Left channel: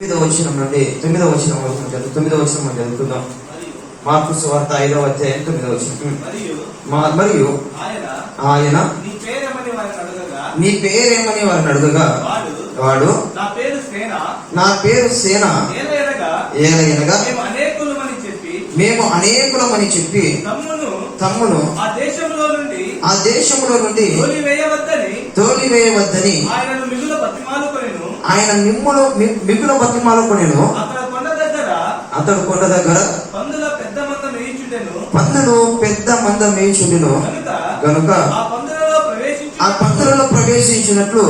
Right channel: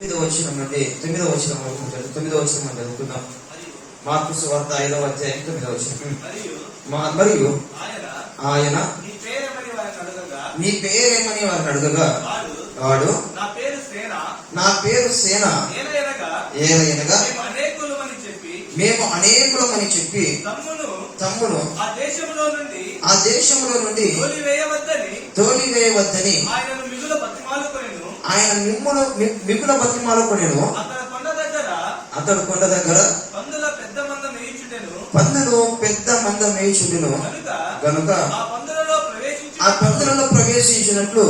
9వ వచనం నుండి 9వ వచనం వరకు 9వ వచనం మనం చదువుకుందాం. మార్కు సువార్త 5వ అధ్యాయం 9వ వచనం. మరియు ఆయన నీ పేరేమని వారిని అడగగా వాడు నా పేరు సేన ఏలయనగా మేము అనేకులమని చెప్పి తమ్మును ఆ దేశంలో నుండి తోలివేయవద్దని ఆయన మిగుల బతిమాలుకొనెను. అతడు కొండ దగ్గర పందులు పెద్ద మంద మేయుచుండెను గనుక ఆ పందులలో ప్రవేశించినట్లు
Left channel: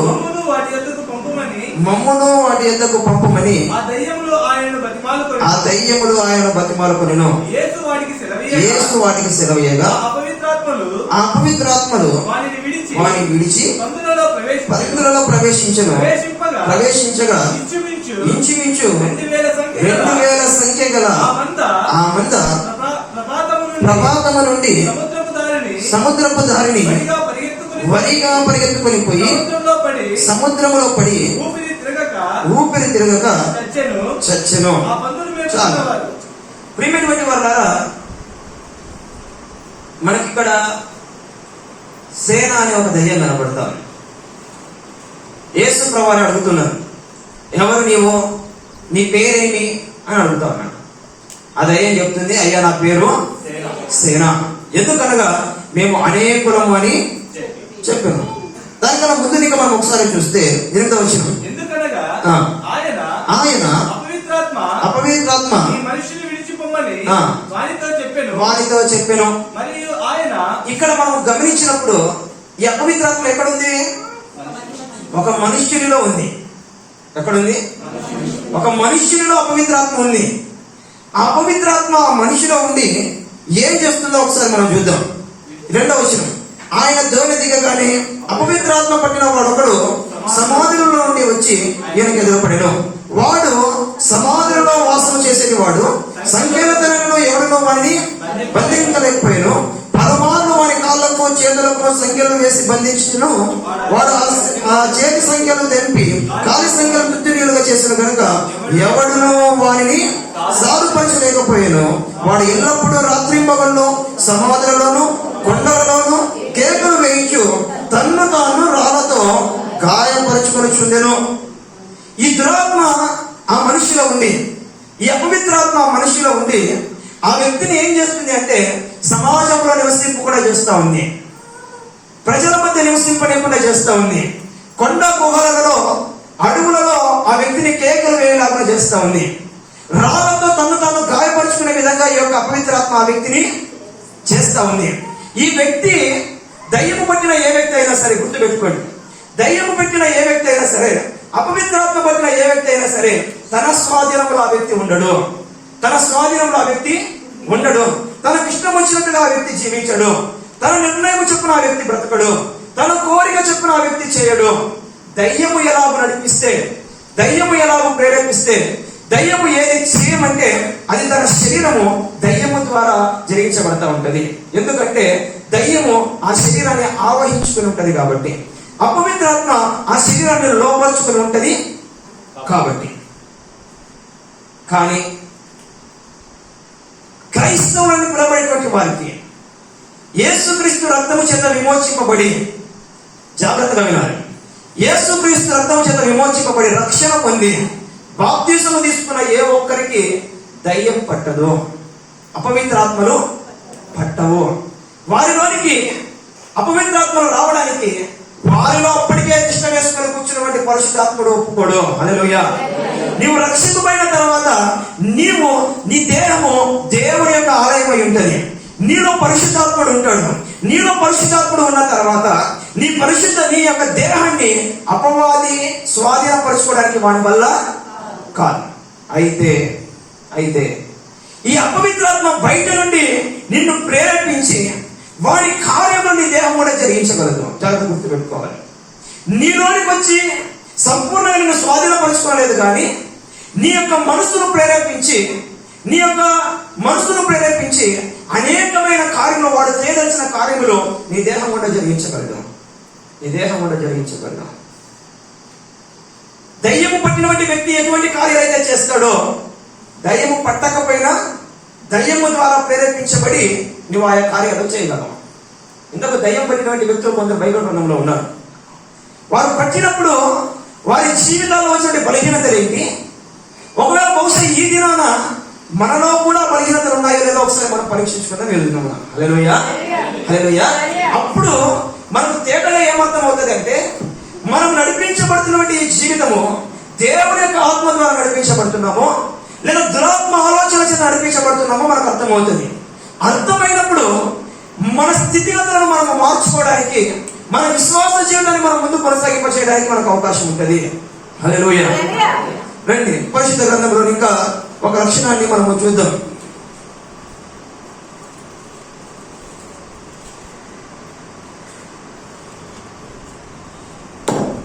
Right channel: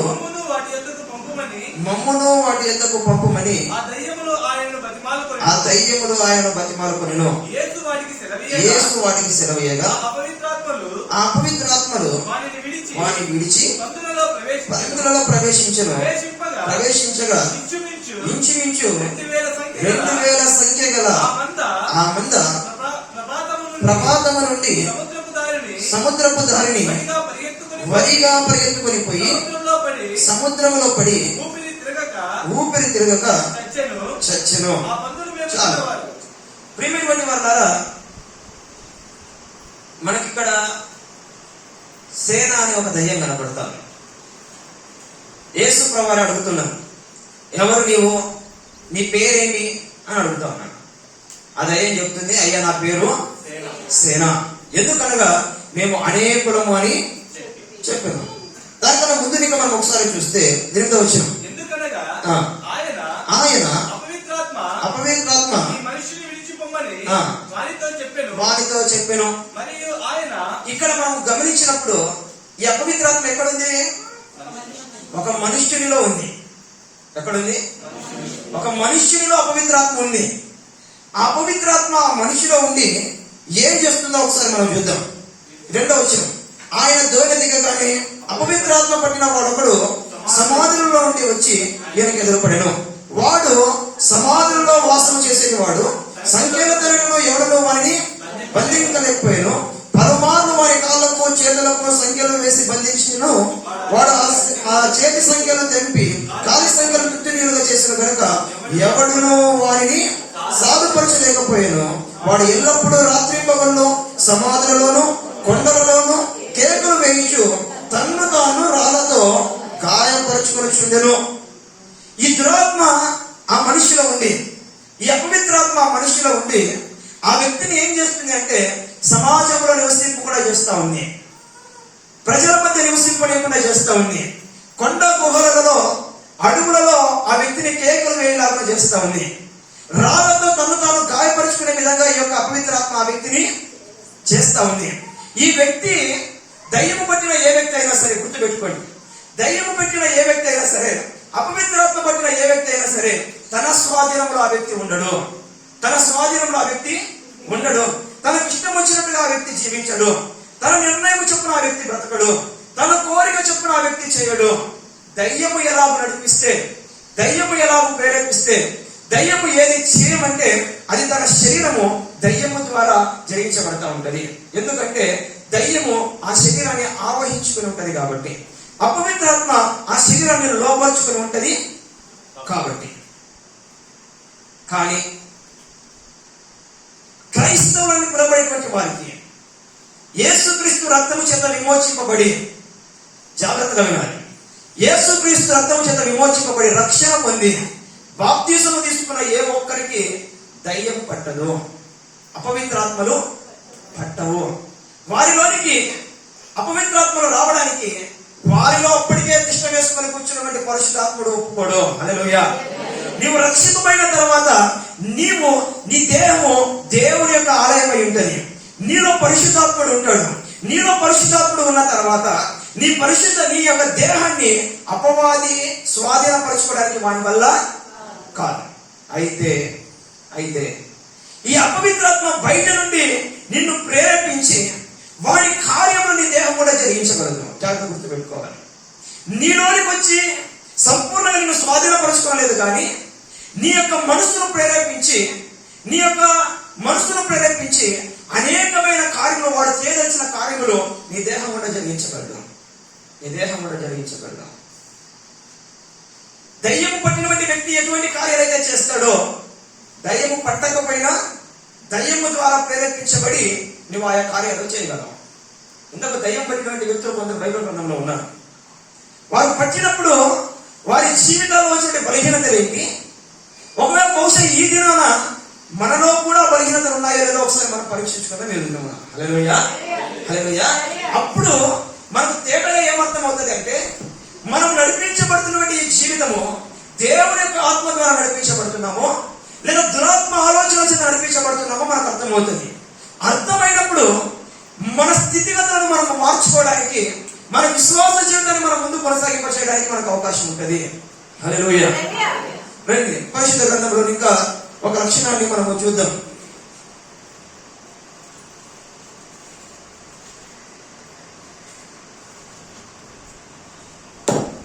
మమ్మును వాటి యొద్దకు పంపమని ఆ దయ్యములు ఆయన బతిమాలుకొనెను. యేసు వాటికి సెలవేయగా ఆ అపవిత్రాత్మలు వారిని విడిచి పందులలో ప్రవేశించగా ఇంచుమించు 2000 సంఖ్య గల ఆ మంద ప్రభాతము నుండి సముద్రపు దారిని వరిగా పరిగెత్తుకొని పోయి సముద్రములో పడి ఊపిరి తిరగక చచ్చెను. చాలు ప్రియమైనటువంటి వాళ్ళారా, మనకిక్కడ సేన అనే ఒక దయ్యం కనబడతాం. యేసు ప్రభువుని అడుగుతున్నాను, ఎవరు నీవు, నీ పేరేమి అని అడుగుతా ఉన్నాను. ఆ దయ్యం చెప్తుంది, అయ్యా నా పేరు సేన, ఎందుకనగా మేము అనేకులము అని చెప్పాను. దానికన్నా ముందు నీకు మనం ఒకసారి చూస్తే 8వ వచనం, ఆయన అపవిత్రాత్మ వారితో చెప్పాను. ఇక్కడ మనం గమనించినప్పుడు ఈ అపవిత్రాత్మ ఎక్కడుంది? ఒక మనుష్యునిలో ఉంది. ఎక్కడుంది? ఒక మనుష్యునిలో అపవిత్రాత్మ ఉంది. ఆ అపవిత్రాత్మ మనిషిలో ఉండి ఏం చేస్తుందో ఒకసారి మనం చూద్దాం. 2వ వచనం, ఆయన దోణి దిగగానే అపవిత్రాత్మ పట్టిన వాడొకడు సమాధులలో ఉండి వచ్చి ఈయనకు ఎదురుపడెను. వాడు సమాధులలో వాసం చేసేది వాడు సంఖ్యలో ఎవరిలో వారిని బంధించలేకపోయాను. పలుమార్లు వారి కాళ్ళకు చేతులకు సంఖ్యలు వేసి బంధించను. వాడు ఆ చేతి సంఖ్యలు తెంపి కాలి సంఖ్యలు మృత్యులుగా చేసిన కనుక ఎవడును వారిని సాధుపరచలేకపోయాను. వాడు ఎల్లప్పుడూ రాత్రింబగళ్ళు సమాధులలోను కొండలలోను కేకలు వేయించు తన్ను తాను రాళ్లతో గాయపరచుకొనిచుండెను. ఈ దురాత్మ ఆ మనిషిలో ఉండి, ఈ అపవిత్రాత్మ ఆ మనిషిలో ఉండి ఆ వ్యక్తిని ఏం చేస్తుంది అంటే సమాజంలో నివసింపు కూడా చేస్తా ఉంది, ప్రజల మధ్య నివసింపలేకుండా చేస్తా ఉంది, కొండ గుహలలో అడవులలో ఆ వ్యక్తిని కేకలు వేయలాగా చేస్తా ఉంది, రాళ్లతో తను తాను గాయపరుచుకునే విధంగా ఈ యొక్క అపవిత్రాత్మ ఆ వ్యక్తిని చేస్తా ఉంది. ఈ వ్యక్తి దయ్యము పట్టిన ఏ వ్యక్తి అయినా సరే, గుర్తుపెట్టుకోండి, దయ్యము పెట్టిన ఏ వ్యక్తి అయినా సరే, అపవిత్రాత్మ పట్టిన ఏ వ్యక్తి అయినా సరే తన స్వాధీనంలో ఆ వ్యక్తి ఉండడు. తన స్వాధీనంలో ఆ వ్యక్తి ఉండడు. తనకు ఇష్టం వచ్చినట్టుగా ఆ వ్యక్తి జీవించడు. తన నిర్ణయం చొప్పున ఆ వ్యక్తి బ్రతకడు. తన కోరిక చొప్పున ఆ వ్యక్తి చేయడు. దయ్యము ఎలాగో నడిపిస్తే, దయ్యము ఎలాగో ప్రేరేపిస్తే, దయ్యము ఏది చేయమంటే అది తన శరీరము దయ్యము ద్వారా జరిగించబడతా ఉంటది. ఎందుకంటే దయ్యము ఆ శరీరాన్ని ఆవహించుకుని ఉంటది కాబట్టి, అపవిత్రాత్మ ఆ శరీరాన్ని లోపరుచుకుని ఉంటది కాబట్టి. కానీ క్రైస్తవులను పిలవబడేటువంటి వారికి యేసుక్రీస్తు రక్తము చేత విమోచింపబడి, జాగ్రత్తగా వినాలి, యేసుక్రీస్తు రక్తము చేత విమోచింపబడి రక్షణ పొంది బాప్తిసము తీసుకున్న ఏ ఒక్కరికి దయ్యం పట్టదు, అపవిత్రాత్మలు పట్టవు. వారిలోనికి అపవిత్రాత్మలు రావడానికి వారిలో అప్పటికే తిష్ట వేసుకొని కూర్చున్నటువంటి పరిశుద్ధాత్ముడు ఒప్పుకోడు. హల్లెలూయా. నీవు రక్షింపబడిన తర్వాత నీవు నీ దేహము దేవుని యొక్క ఆలయమై ఉంటది. నీలో పరిశుద్ధాత్ముడు ఉంటాడు. నీలో పరిశుద్ధాత్ముడు ఉన్న తర్వాత నీ యొక్క దేహాన్ని అపవాది స్వాధీనపరచుకోవడానికి వాని వల్ల కాదు. అయితే ఈ అపవిత్రాత్మ బయట నుండి నిన్ను ప్రేరేపించి వారి కార్యములు నీ దేహం కూడా జరిగించగలదు. జాగ్రత్త గుర్తుపెట్టుకోవాలి. నీలోనికి వచ్చి సంపూర్ణంగా నిన్ను స్వాధీనపరచుకోలేదు, కానీ నీ యొక్క మనసును ప్రేరేపించి అనేకమైన కార్యములు వాడు చేయదలిచిన కార్యములు నీ దేహం కూడా జరిగించగలదు. దయ్యము పట్టినటువంటి వ్యక్తి ఎటువంటి కార్యాలు అయితే చేస్తాడో, దయ్యము పట్టకపోయినా దయ్యము ద్వారా ప్రేరేపించబడి నువ్వు ఆయా కార్యాలు చేయగలవు. ఇంతకు దయ్యం పట్టినటువంటి వ్యక్తులు కొందరు బైబిల్ గ్రంథంలో ఉన్నారు. వారు పట్టినప్పుడు వారి జీవితాల్లో వచ్చినటువంటి బలహీనతలు ఏంటి, ఒకవేళ బహుశా ఈ దినాన మనలో కూడా బలహీనతలు ఉన్నాయో లేదో ఒకసారి మనం పరీక్షించుకుందాం. వెళ్తున్నాం. హల్లెలూయా, హల్లెలూయా. అప్పుడు మనకు తేటగా ఏమర్థం అవుతుంది అంటే, మనం నడిపించబడుతున్నటువంటి ఈ జీవితము దేవుని యొక్క ఆత్మ ద్వారా నడిపించబడుతున్నామో లేదా దురాత్మ ఆలోచన చేత నడిపించబడుతున్నామో మనకు అర్థమవుతుంది. అర్థమైనప్పుడు మన స్థితిగతులను మనం మార్చుకోవడానికి, మన విశ్వాస జీవితాన్ని మనం ముందు కొనసాగింపచేయడానికి మనకు అవకాశం ఉంటుంది. హల్లెలూయా. రండి, పరిశుద్ధ గ్రంథంలో ఇంకా ఒక లక్షణాన్ని మనము చూద్దాం.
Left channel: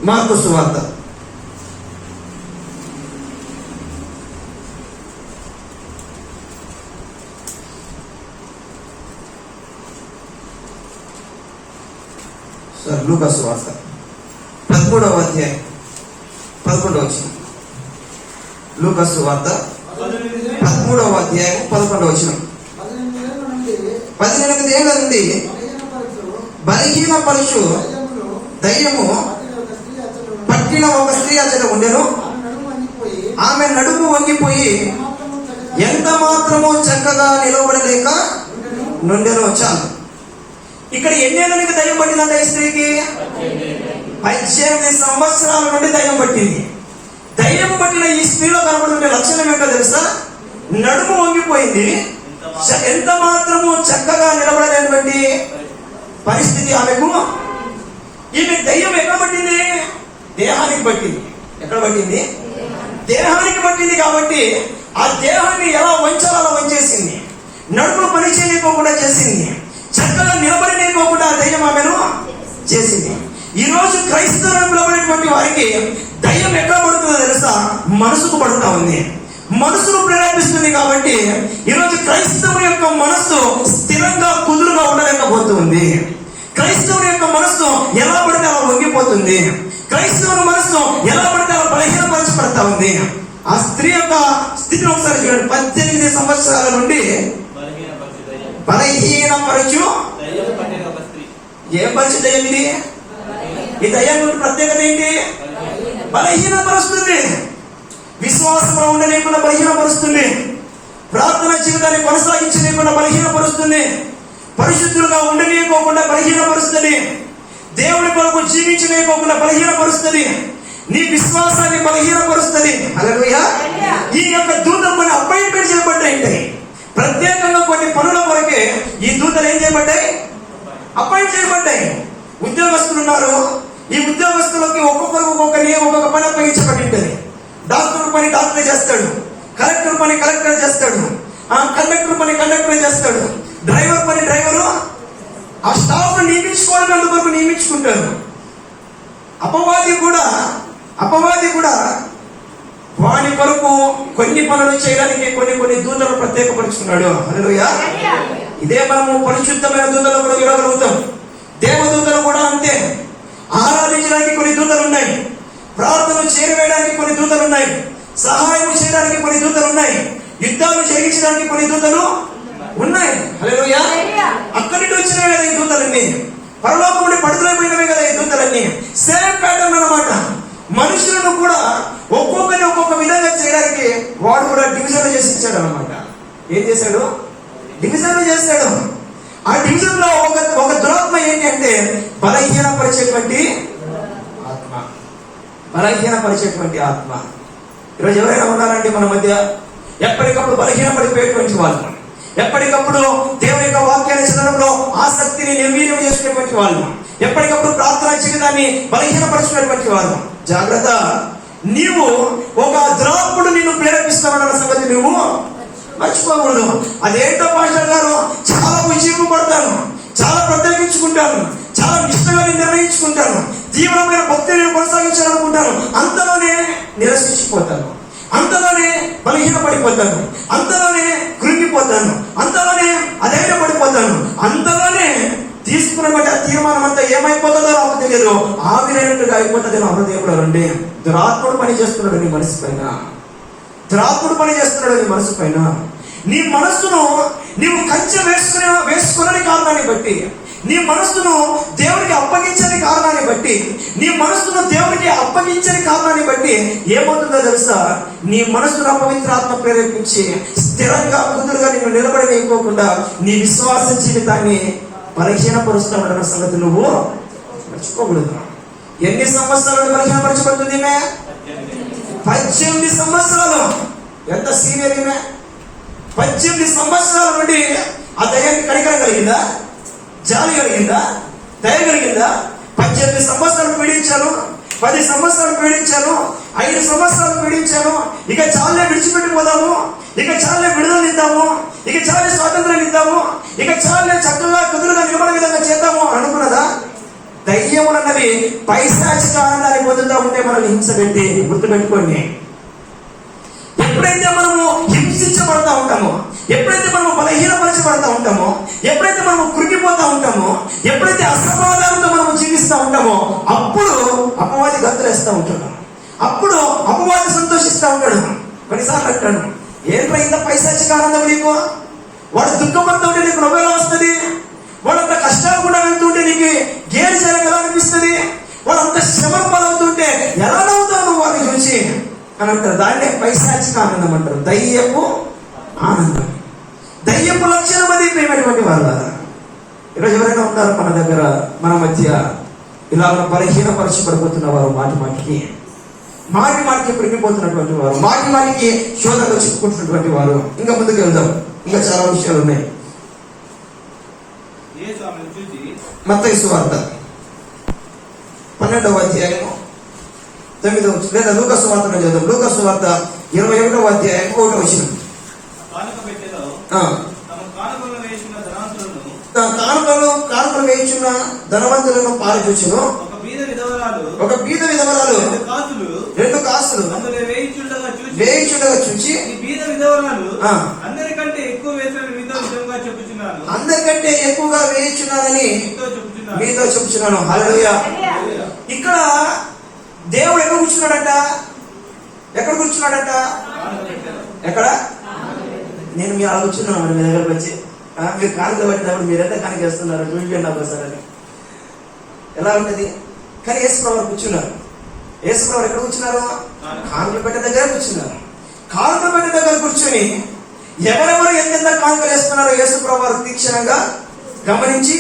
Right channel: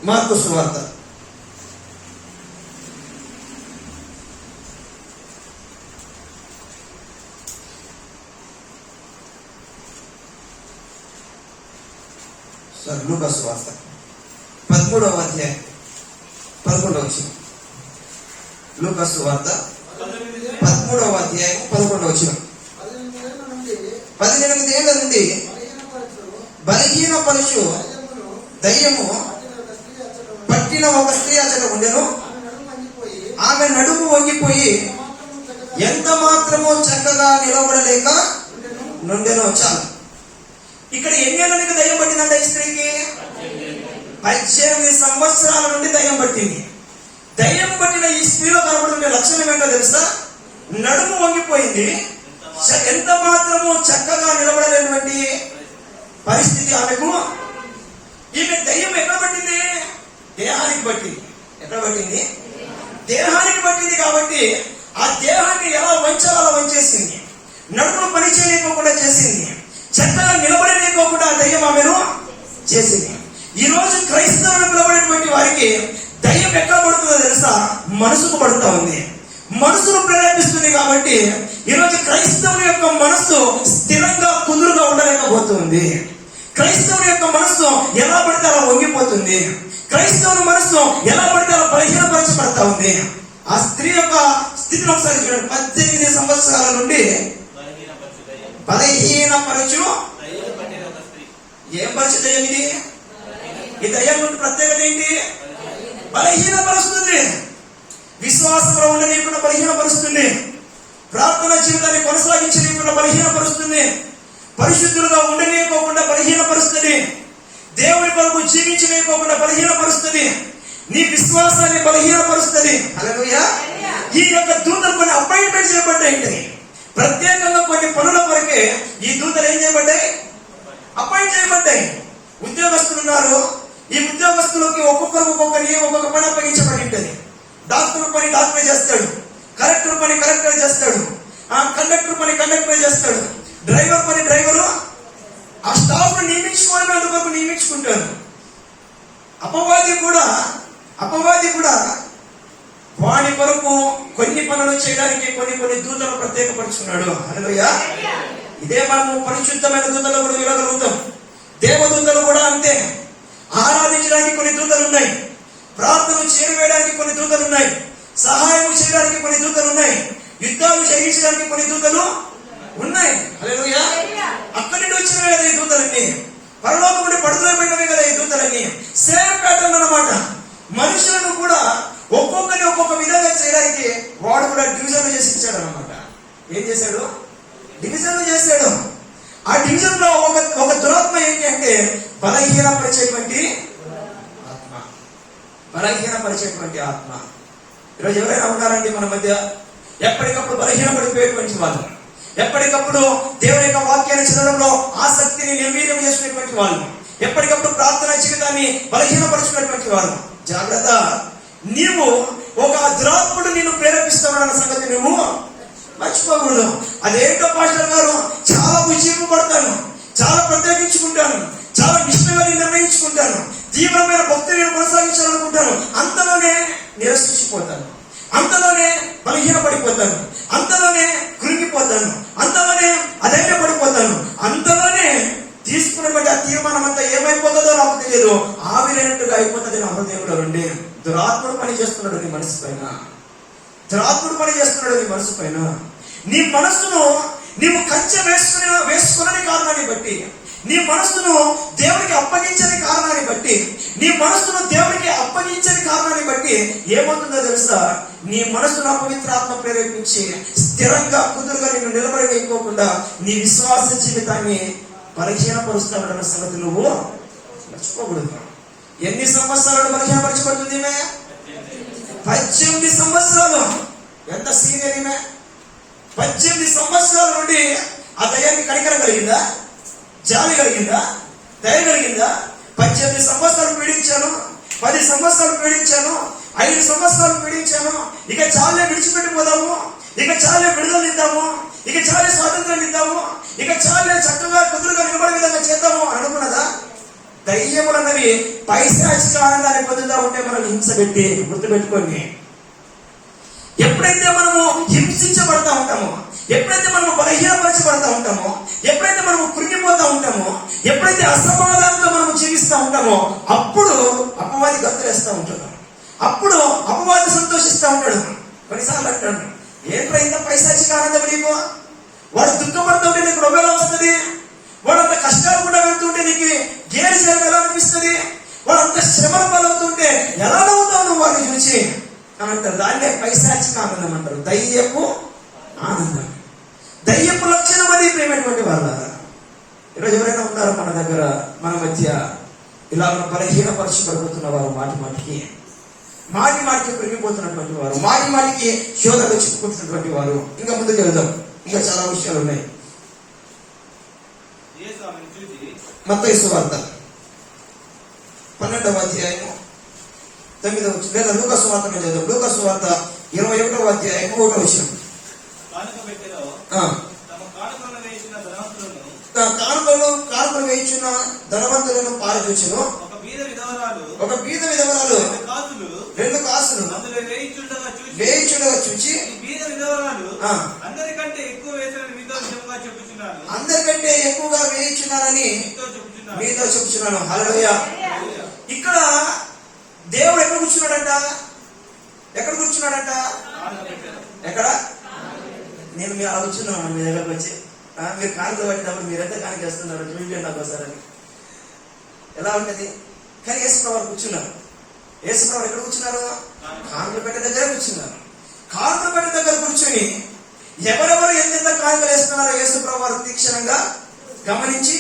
మార్కు సువార్త 13వ అధ్యాయం 11వ వచనం. లూకా సువార్త 13వ అధ్యాయం 11వ వచనం. 18 ఏళ్ల నుండి బలహీన పరుచు దయ్యము పట్టిన ఒక స్త్రీ అతడు ఉండెను. ఆమె నడుము వంగిపోయి ఎంత మాత్రమో చక్కగా నిలబడలేక నుండెను. చాలు. ఇక్కడ ఎన్నేళ్ళ నుండి దయ్యం పట్టిందంట ఈ స్త్రీకి? 18 సంవత్సరాల నుండి దయ్యం పట్టింది. దయ్యం పట్టిన ఈ స్త్రీలో కనబడుతున్న లక్షణం ఏంటో తెలుసా? నడుము వంగిపోయింది, ఎంత మాత్రము చక్కగా నిలబడలేనటువంటి పరిస్థితి ఆమెకు. ఈమె దయ్యం ఎక్కడ పట్టింది? దేహానికి పట్టింది. ఎక్కడ పట్టింది? దేహానికి పట్టింది. కాబట్టి ఆ దేహాన్ని ఎలా వంచాలో అలా వంచేసింది. నడుములు పని చేయలేకోకుండా చేసింది. చక్కగా నిలబడలేకోకుండా ఆ దయ్యం ఆమెను చేసింది. ఈ రోజు క్రైస్తవులు నిలబడేటువంటి వారికి దయ్యం ఎక్కడ పడుతుందో తెలుసా? మనసుకు పడుతూ ఉంది. మనసును ప్రేరేపిస్తుంది. కాబట్టి ఈరోజు క్రైస్తవుని యొక్క మనస్సు స్థిరంగా కుదురుగా ఉండలేకపోతుంది. క్రైస్తవుని యొక్క మనస్సు ఎలా పడితే అలా వంగిపోతుంది. క్రైస్తవుని మనస్సు ఎలా పడితే అలా బలహీనపరచబడతా ఉంది. ఆ స్త్రీ యొక్క స్థితిని ఒకసారి చూడండి. 18 సంవత్సరాల నుండి బలహీనపరచు ఏం పరిస్థితి అయ్యింది? ఈ దయ్యం ప్రత్యేకత ఏంటి? బలహీనపరుస్తుంది. విశ్వాసంలో ఉండలేకుండా బలహీనపరుస్తుంది. ప్రార్థన జీవితాన్ని కొనసాగించలేకుండా బలహీనపరుస్తుంది. పరిశుద్ధులుగా ఉండలేకోకుండా బలహీనపరుస్తుంది. దేవుని కొరకు జీవించలేకోకుండా బలహీనపరుస్తుంది. నీ విశ్వాసాన్ని బలహీనపరుస్తుంది. హల్లెలూయా. ఈ యొక్క దూతలు కొన్ని అపాయింట్మెంట్ చేయబడ్డాయి. ప్రత్యేకంగా కొన్ని పనుల వరకే ఈ దూతలు ఏం చేయబడ్డాయి? అపాయింట్ చేయబడ్డాయి. ఉద్యోగస్తులు ఉన్నారు. ఈ ఉద్యోగస్తులకి ఒక్కొక్కరు ఒక్కొక్క పని అప్పగించబడి ఉంటుంది. డాక్టర్ పని డాక్టరే చేస్తాడు, కలెక్టర్ పని కలెక్టర్ చేస్తాడు, కండక్టర్ పని కండక్టర్ చేస్తాడు, డ్రైవర్ పని డ్రైవరు. ఆ స్టాఫ్ నియమించుకోవడం ఎందుకు నియమించుకుంటారు. అపవాది కూడా వాడి కొరకు కొన్ని పనులు చేయడానికి కొన్ని దూతలు ప్రత్యేకపరుచుకున్నాడు. హల్లెలూయా. ఇదే మనము పరిశుద్ధమైన దూతలు కూడా చూడగలుగుతాం. దేవదూతలు కూడా అంతే. ఆరాధించడానికి కొన్ని దూతలు ఉన్నాయి. ప్రార్థన చేరవేయడానికి కొన్ని దూతలు ఉన్నాయి. సహాయం చేయడానికి కొన్ని దూతలు ఉన్నాయి. యుద్ధాలు చేయించడానికి కొన్ని దూతలు ఉన్నాయి. హల్లెలూయా. అక్కడి నుండి వచ్చినవి కదా ఈ దూతలన్నీ. పరలోకం నుండి పడుతులైపోయినవే కదా ఈ దూతలన్నీ. సేమ్ ప్యాటర్న్ అన్నమాట. మనుషులను కూడా ఒక్కొక్కరిని ఒక్కొక్క విధంగా చేయడానికి వాడు కూడా డివిజన్ చేసి ఇచ్చాడు అనమాట. ఏం చేశాడు? డివిజన్ చేశాడు. ఆ డివిజన్ లో ఒక దురాత్మ ఏంటి అంటే బలహీనపరిచేటువంటి ఆత్మ. ఈరోజు ఎవరైనా ఉన్నారండి మన మధ్య? ఎప్పటికప్పుడు బలహీనపడిపోయేటువంటి వాళ్ళు, ఎప్పటికప్పుడు దేవుని యొక్క వాక్యాన్ని చదవడంలో ఆసక్తిని నిర్వీర్యం చేసుకునేటువంటి వాళ్ళు, ఎప్పటికప్పుడు ప్రార్థనా జీవితాన్ని బలహీనపరుచుకునేటువంటి వాళ్ళు. జాగ్రత్త. నీవు ఒక దురాత్ముడు నిన్ను ప్రేరేపిస్తామన్న సంగతి నువ్వు మర్చిపోకూడదు. అదేంటో పాస్టర్ గారు, చాలా ఉజ్జీవం పడతాను, చాలా ప్రత్యేకించుకుంటాను, చాలా నిష్ఠగా నిర్ణయించుకుంటాను, తీవ్రమైన భక్తిని కొనసాగించాలనుకుంటాను, అంతలోనే నిరసించిపోతాను, అంతలోనే బలహీనపడిపోతాను, అంతలోనే కృంగిపోతాను, అంతలోనే అధైర్యపడిపోతాను, అంతలోనే తీసుకున్నటువంటి ఆ తీర్మానం అంతా ఏమైపోతుందో నాకు తెలియదు, ఆవిరైనట్టుగా అయిపోతుంది నా హృదయంలో రండి. దురాత్ముడు పని చేస్తున్నాడు నీ మనసు పైన, దురాత్ముడు పని చేస్తున్నాడు నీ మనసు పైన. నీ మనస్సును నీవు కంచె వేసుకునే కారణాన్ని బట్టి, నీ మనస్సును దేవుడికి అప్పగించని కారణాన్ని బట్టి, నీ మనస్సును దేవుడికి అప్పగించని కారణాన్ని బట్టి ఏమవుతుందో తెలుసా? నీ మనస్సును అపవిత్రాత్మ ప్రేరేపించి స్థిరంగా కుదురుగా నిన్ను నిలబడలేకోకుండా నీ విశ్వాస జీవితాన్ని బలహీనపరుస్తామన్న సంగతి నువ్వు మర్చిపోకూడదు. ఎన్ని సంవత్సరాలు బలహీనపరచబడుతుంది? 18 సంవత్సరాలు. ఎంత సీనియర్ ఈమె? 18 సంవత్సరాల నుండి ఆ దయాన్ని కనికరం కలిగిందా? జాలి కలిగిందా? దయ కలిగిందా? 18 సంవత్సరాలు పీడించాను, 10 సంవత్సరాలు పీడించాను, 5 సంవత్సరాలు పీడించాను, ఇక చాలే విడిచిపెట్టిపోదాము, ఇక చాలే విడుదల ఇద్దాము, ఇక చాలే స్వాతంత్రం ఇద్దాము, ఇక చాలే చక్కగా కుదురుగా నిలబడే విధంగా చేద్దాము అనుకున్నదా? దయ్యములన్నవి పైశాచిక ఆనందాన్ని పొందుతా ఉంటే మనం హింసపెట్టి గుర్తుపెట్టుకోండి. ఎప్పుడైతే మనము హింసించబడతా ఉంటామో, ఎప్పుడైతే మనము బలహీనపరచబడతా ఉంటామో, ఎప్పుడైతే మనము కృంగిపోతా ఉంటామో, ఎప్పుడైతే అసమాధానంతో మనము జీవిస్తూ ఉంటామో, అప్పుడు అపవాది గంతులేస్తూ ఉంటాడు, అప్పుడు అపవాది సంతోషిస్తూ ఉంటాడు. కొన్నిసార్లు అంటాడు, ఏంట్రా ఇంత పైశాచిక ఆనందం నీకు? వాడు దుఃఖపడుతుంటే నీకు నవ్వేలా వస్తుంది? వాడు అంత కష్టాలు కూడా వెళ్తుంటే నీకు గేరు చేయడం ఎలా అనిపిస్తుంది? వాడు అంత శ్రమల పాలవుతుంటే ఎలా నవ్వుతావు నువ్వు వాడిని చూసి అని అంటారు. దాన్నే పైశాచిక ఆనందం అంటారు, దయ్యపు ఆనందం. దయ్యపు లక్షణం అది ప్రేమటువంటి వాళ్ళ. ఈరోజు ఎవరైనా ఉన్నారు మన దగ్గర, మన మధ్య ఇలా బలహీనపరచబడిపోతున్న వారు, మాటి మాటికి కృంగిపోతున్నటువంటి వారు, మాటికి శోధనలో చిక్కుకుంటున్నటువంటి వారు. ఇంకా ముందుకు వెళ్దాం, ఇంకా చాలా విషయాలు ఉన్నాయి. మత్తయి సువార్త 12వ అధ్యాయము 9వ వచనం, లేదా లూకా సువార్త చదువు. లూకా సువార్త 21వ అధ్యాయము 1వ వచనం. కానుకలు వేయించున్న ధనవంతులను పారచూచును. ఒక బీద విధవరాలు 2 కాసులు వేయించుండగా చూచి, అందరికంటే ఎక్కువగా వేయించున్నానని మీతో చెప్తున్నాను. హల్లెలూయా. ఇక్కడ దేవుడు ఎక్కడ కూర్చున్నాడట? ఎక్కడ? నేను మీరు కూర్చున్నాను, మీ దగ్గరకు వచ్చి మీరు కానుకలు పట్టినప్పుడు మీరెంత కానుక చేస్తున్నారు చూడండి నాకు ఒకసారి. ఎలా ఉంటది? కానీ యేసుప్రభువు కూర్చున్నారు. యేసుప్రభువు ఎక్కడ కూర్చున్నారు? కానుకల పెట్టె దగ్గర కూర్చున్నారు. కానుకల పెట్టె దగ్గర కూర్చొని ఎవరెవరు ఎంత కానుకలు వేస్తున్నారో యేసుప్రభువు తీక్షణంగా గమనించి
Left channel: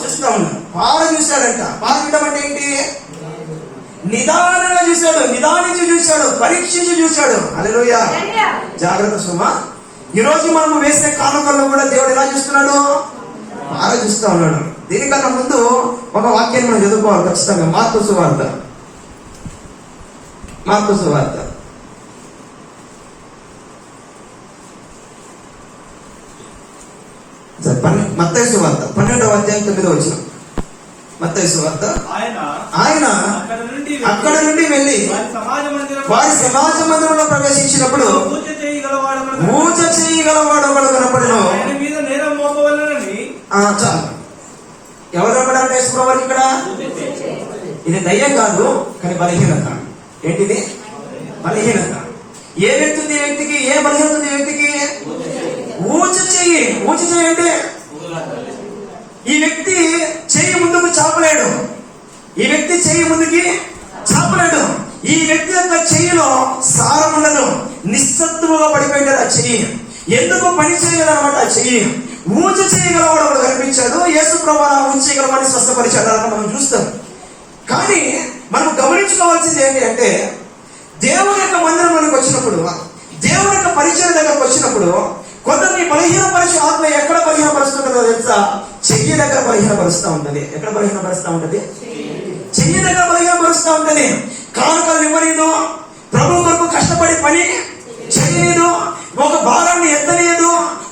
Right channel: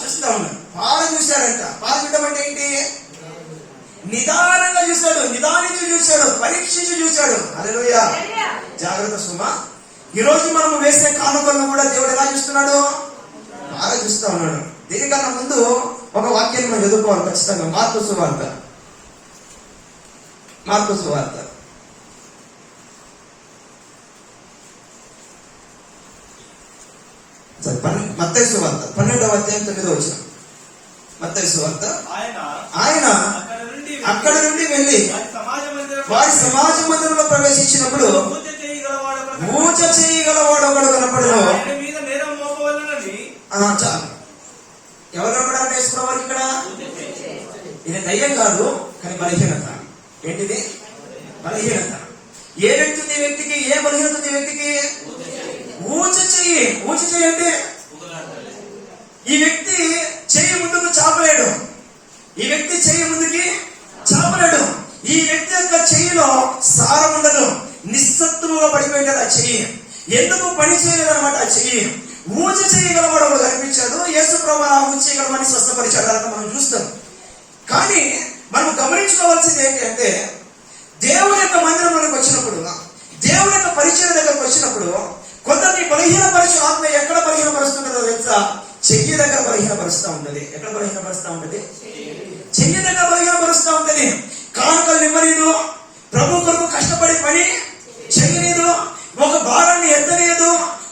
చూస్తా ఉన్నారు. పార చూశాడంట. పార చూడడం అంటే ఏంటి? నిదానంగా చూశాడు, నిదానించి చూశాడు, పరీక్షించి చూశాడు. హల్లెలూయా. జాగ్రత్త సుమా. ఈ రోజు మనం వేసే కానుకల్లో కూడా దేవుడు ఎలా చూస్తున్నాడు? పార చూస్తా ఉన్నాడు. దీనికన్నా ముందు ఒక వాక్యాన్ని మనం చదువుకోవాలి ఖచ్చితంగా. మార్కు సువార్త మత్తయి సువార్త 12వ అధ్యాయం 9వ వచనం. మత్తయి సువార్త. ఆయన అక్కడ నుండి వెళ్ళి వారి సమాజ మందిరంలో ప్రవేశించినప్పుడు ఊచ చేయగలవాడు ఒకడు కనపడను. చాలు. ఎవరు కనపడాలి యేసుప్రభువుకి ఇక్కడ? ఇది దయ్యం కాదు, కానీ బలహీనత. ఏంటిది? బలహీనత. ఏ వ్యక్తి ఉంది? వ్యక్తికి ఏ బలహీనత ఉంది? వ్యక్తికి ఊచ చెయ్యి. ఊచ చెయ్యి అంటే ఈ వ్యక్తి చెయ్యి ముందుకు చాపలేడు. ఈ వ్యక్తి చెయ్యి ముందుకి చాపలేడు. ఈ వ్యక్తి యొక్క చెయ్యిలో సారం ఉండదు. నిస్సత్తువుగా పడిపోయింది ఆ చెయ్యి. ఎందుకు పని చేయలేదన్నమాట ఆ చెయ్యి. ఊచ చేయగలవాడు ఒకడు కనిపించాడు. యేసుప్రభువు అలా ఊచ చేయగలవాడిని స్వస్థపరిచాడు. అలా మనం చూస్తాం. కానీ మనం గమనించుకోవాల్సింది ఏంటి అంటే, దేవుని యొక్క మందిరంలోకి వచ్చినప్పుడు, దేవుని యొక్క పరిచయం దగ్గరకు వచ్చినప్పుడు కొందరిని బలహీనపరిచే ఆత్మ ఎక్కడ బలహీనపరుస్తుందో తెలుసా? చెయ్యి దగ్గర బలహీనపరుస్తూ ఉంటుంది. ఎక్కడ బలహీనపరుస్తూ ఉంటుంది? చెయ్యి దగ్గర బలహీనపరుస్తూ ఉంటుంది. కానుకలు ఇవ్వలేదు, ప్రభు కొరకు కష్టపడి పని చేయలేదు, ఒక భారాన్ని ఎత్తలేదు,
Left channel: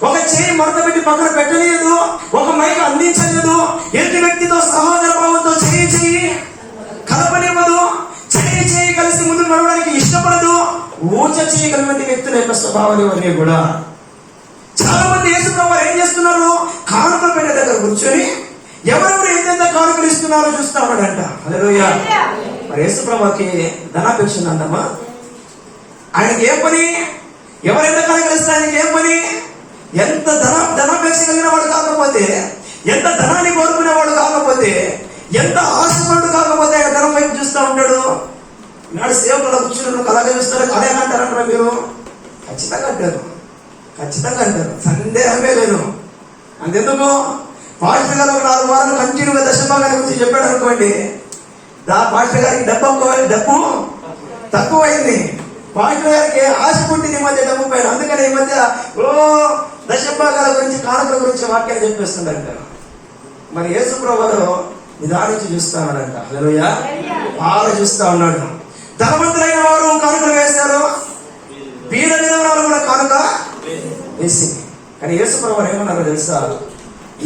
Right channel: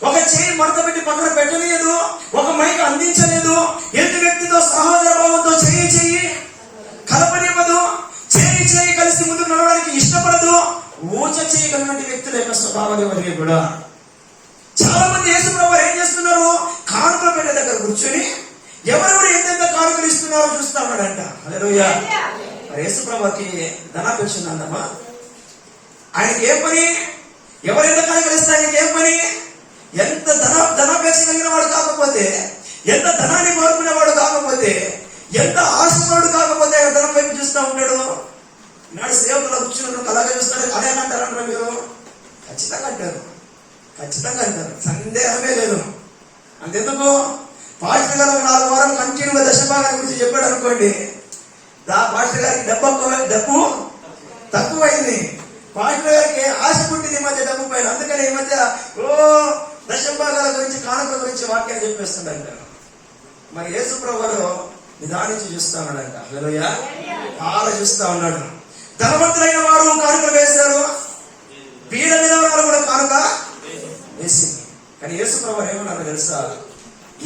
ఒక చేయి మడత పెట్టి పక్కన పెట్టలేదు, ఒక మైక అందించలేదు, ఎదుటి వ్యక్తితో సహోదర భావంతో చెయ్యి కలపనివ్వదు, చేయి కలిసి ముందు నడవడానికి ఇష్టపడదు. ఊచ చేయగలిగినటువంటి వ్యక్తుల యొక్క స్వభావాలు ఇవన్నీ కూడా. చాలా మంది యేసుప్రభువు ఏం చేస్తున్నారు? కానుకల పెట్టె దగ్గర కూర్చొని ఎవరెవరు ఎంతెంత కానుకలు ఇస్తున్నారో చూస్తా ఉన్నాడంట. హల్లెలూయా. మరి యేసుప్రభుకి ధనాపేక్ష ఉందంటమ్మా. ఆయనకి ఏం పని? ఎవరెంత కానుకలు ఇస్తే ఆయనకి ఏం పని? ఎంత ధనాపేక్ష కలిగిన వాడు కాకపోతే, ఎంత ధనాన్ని కోరుకునేవాడు కాకపోతే, ఎంత ఆశపడు కాకపోతే ఆయన ధనం వైపు చూస్తూ ఉంటాడు. నాడు సేవకులు కూర్చున్న అలాగే చూస్తారు. అదే అంటారంటారా మీరు? ఖచ్చితంగా అంటారు, ఖచ్చితంగా అంటారు, సందేహమే లేదు. అంతెందుకు పాస్టర్ గారు 4 వారాలు కంటిన్యూగా దశభాగాన్ని గురించి చెప్పాడు అనుకోండి, పాస్టర్ గారికి డబ్బు తక్కువైంది. పాస్టర్ గారికి ఆశ పుట్టింది ఈ మధ్య డబ్బు పైన. అందుకని ఈ మధ్య దశభాగాల గురించి, కానుకల గురించి వాక్యాలు చెప్పేస్తుంటారు. మరి యేసుప్రభువు వారు నిదానించి చూస్తా ఉన్నాడంట. హల్లెలూయా. బాగా చూస్తా ఉన్నాడు. ధనవంతులైన వారు కానుకలు వేశారు, బీద విధవరాలు కూడా కానుక వేసింది. కానీ యేసుప్రభువు వారు ఏమన్నారో తెలుసా?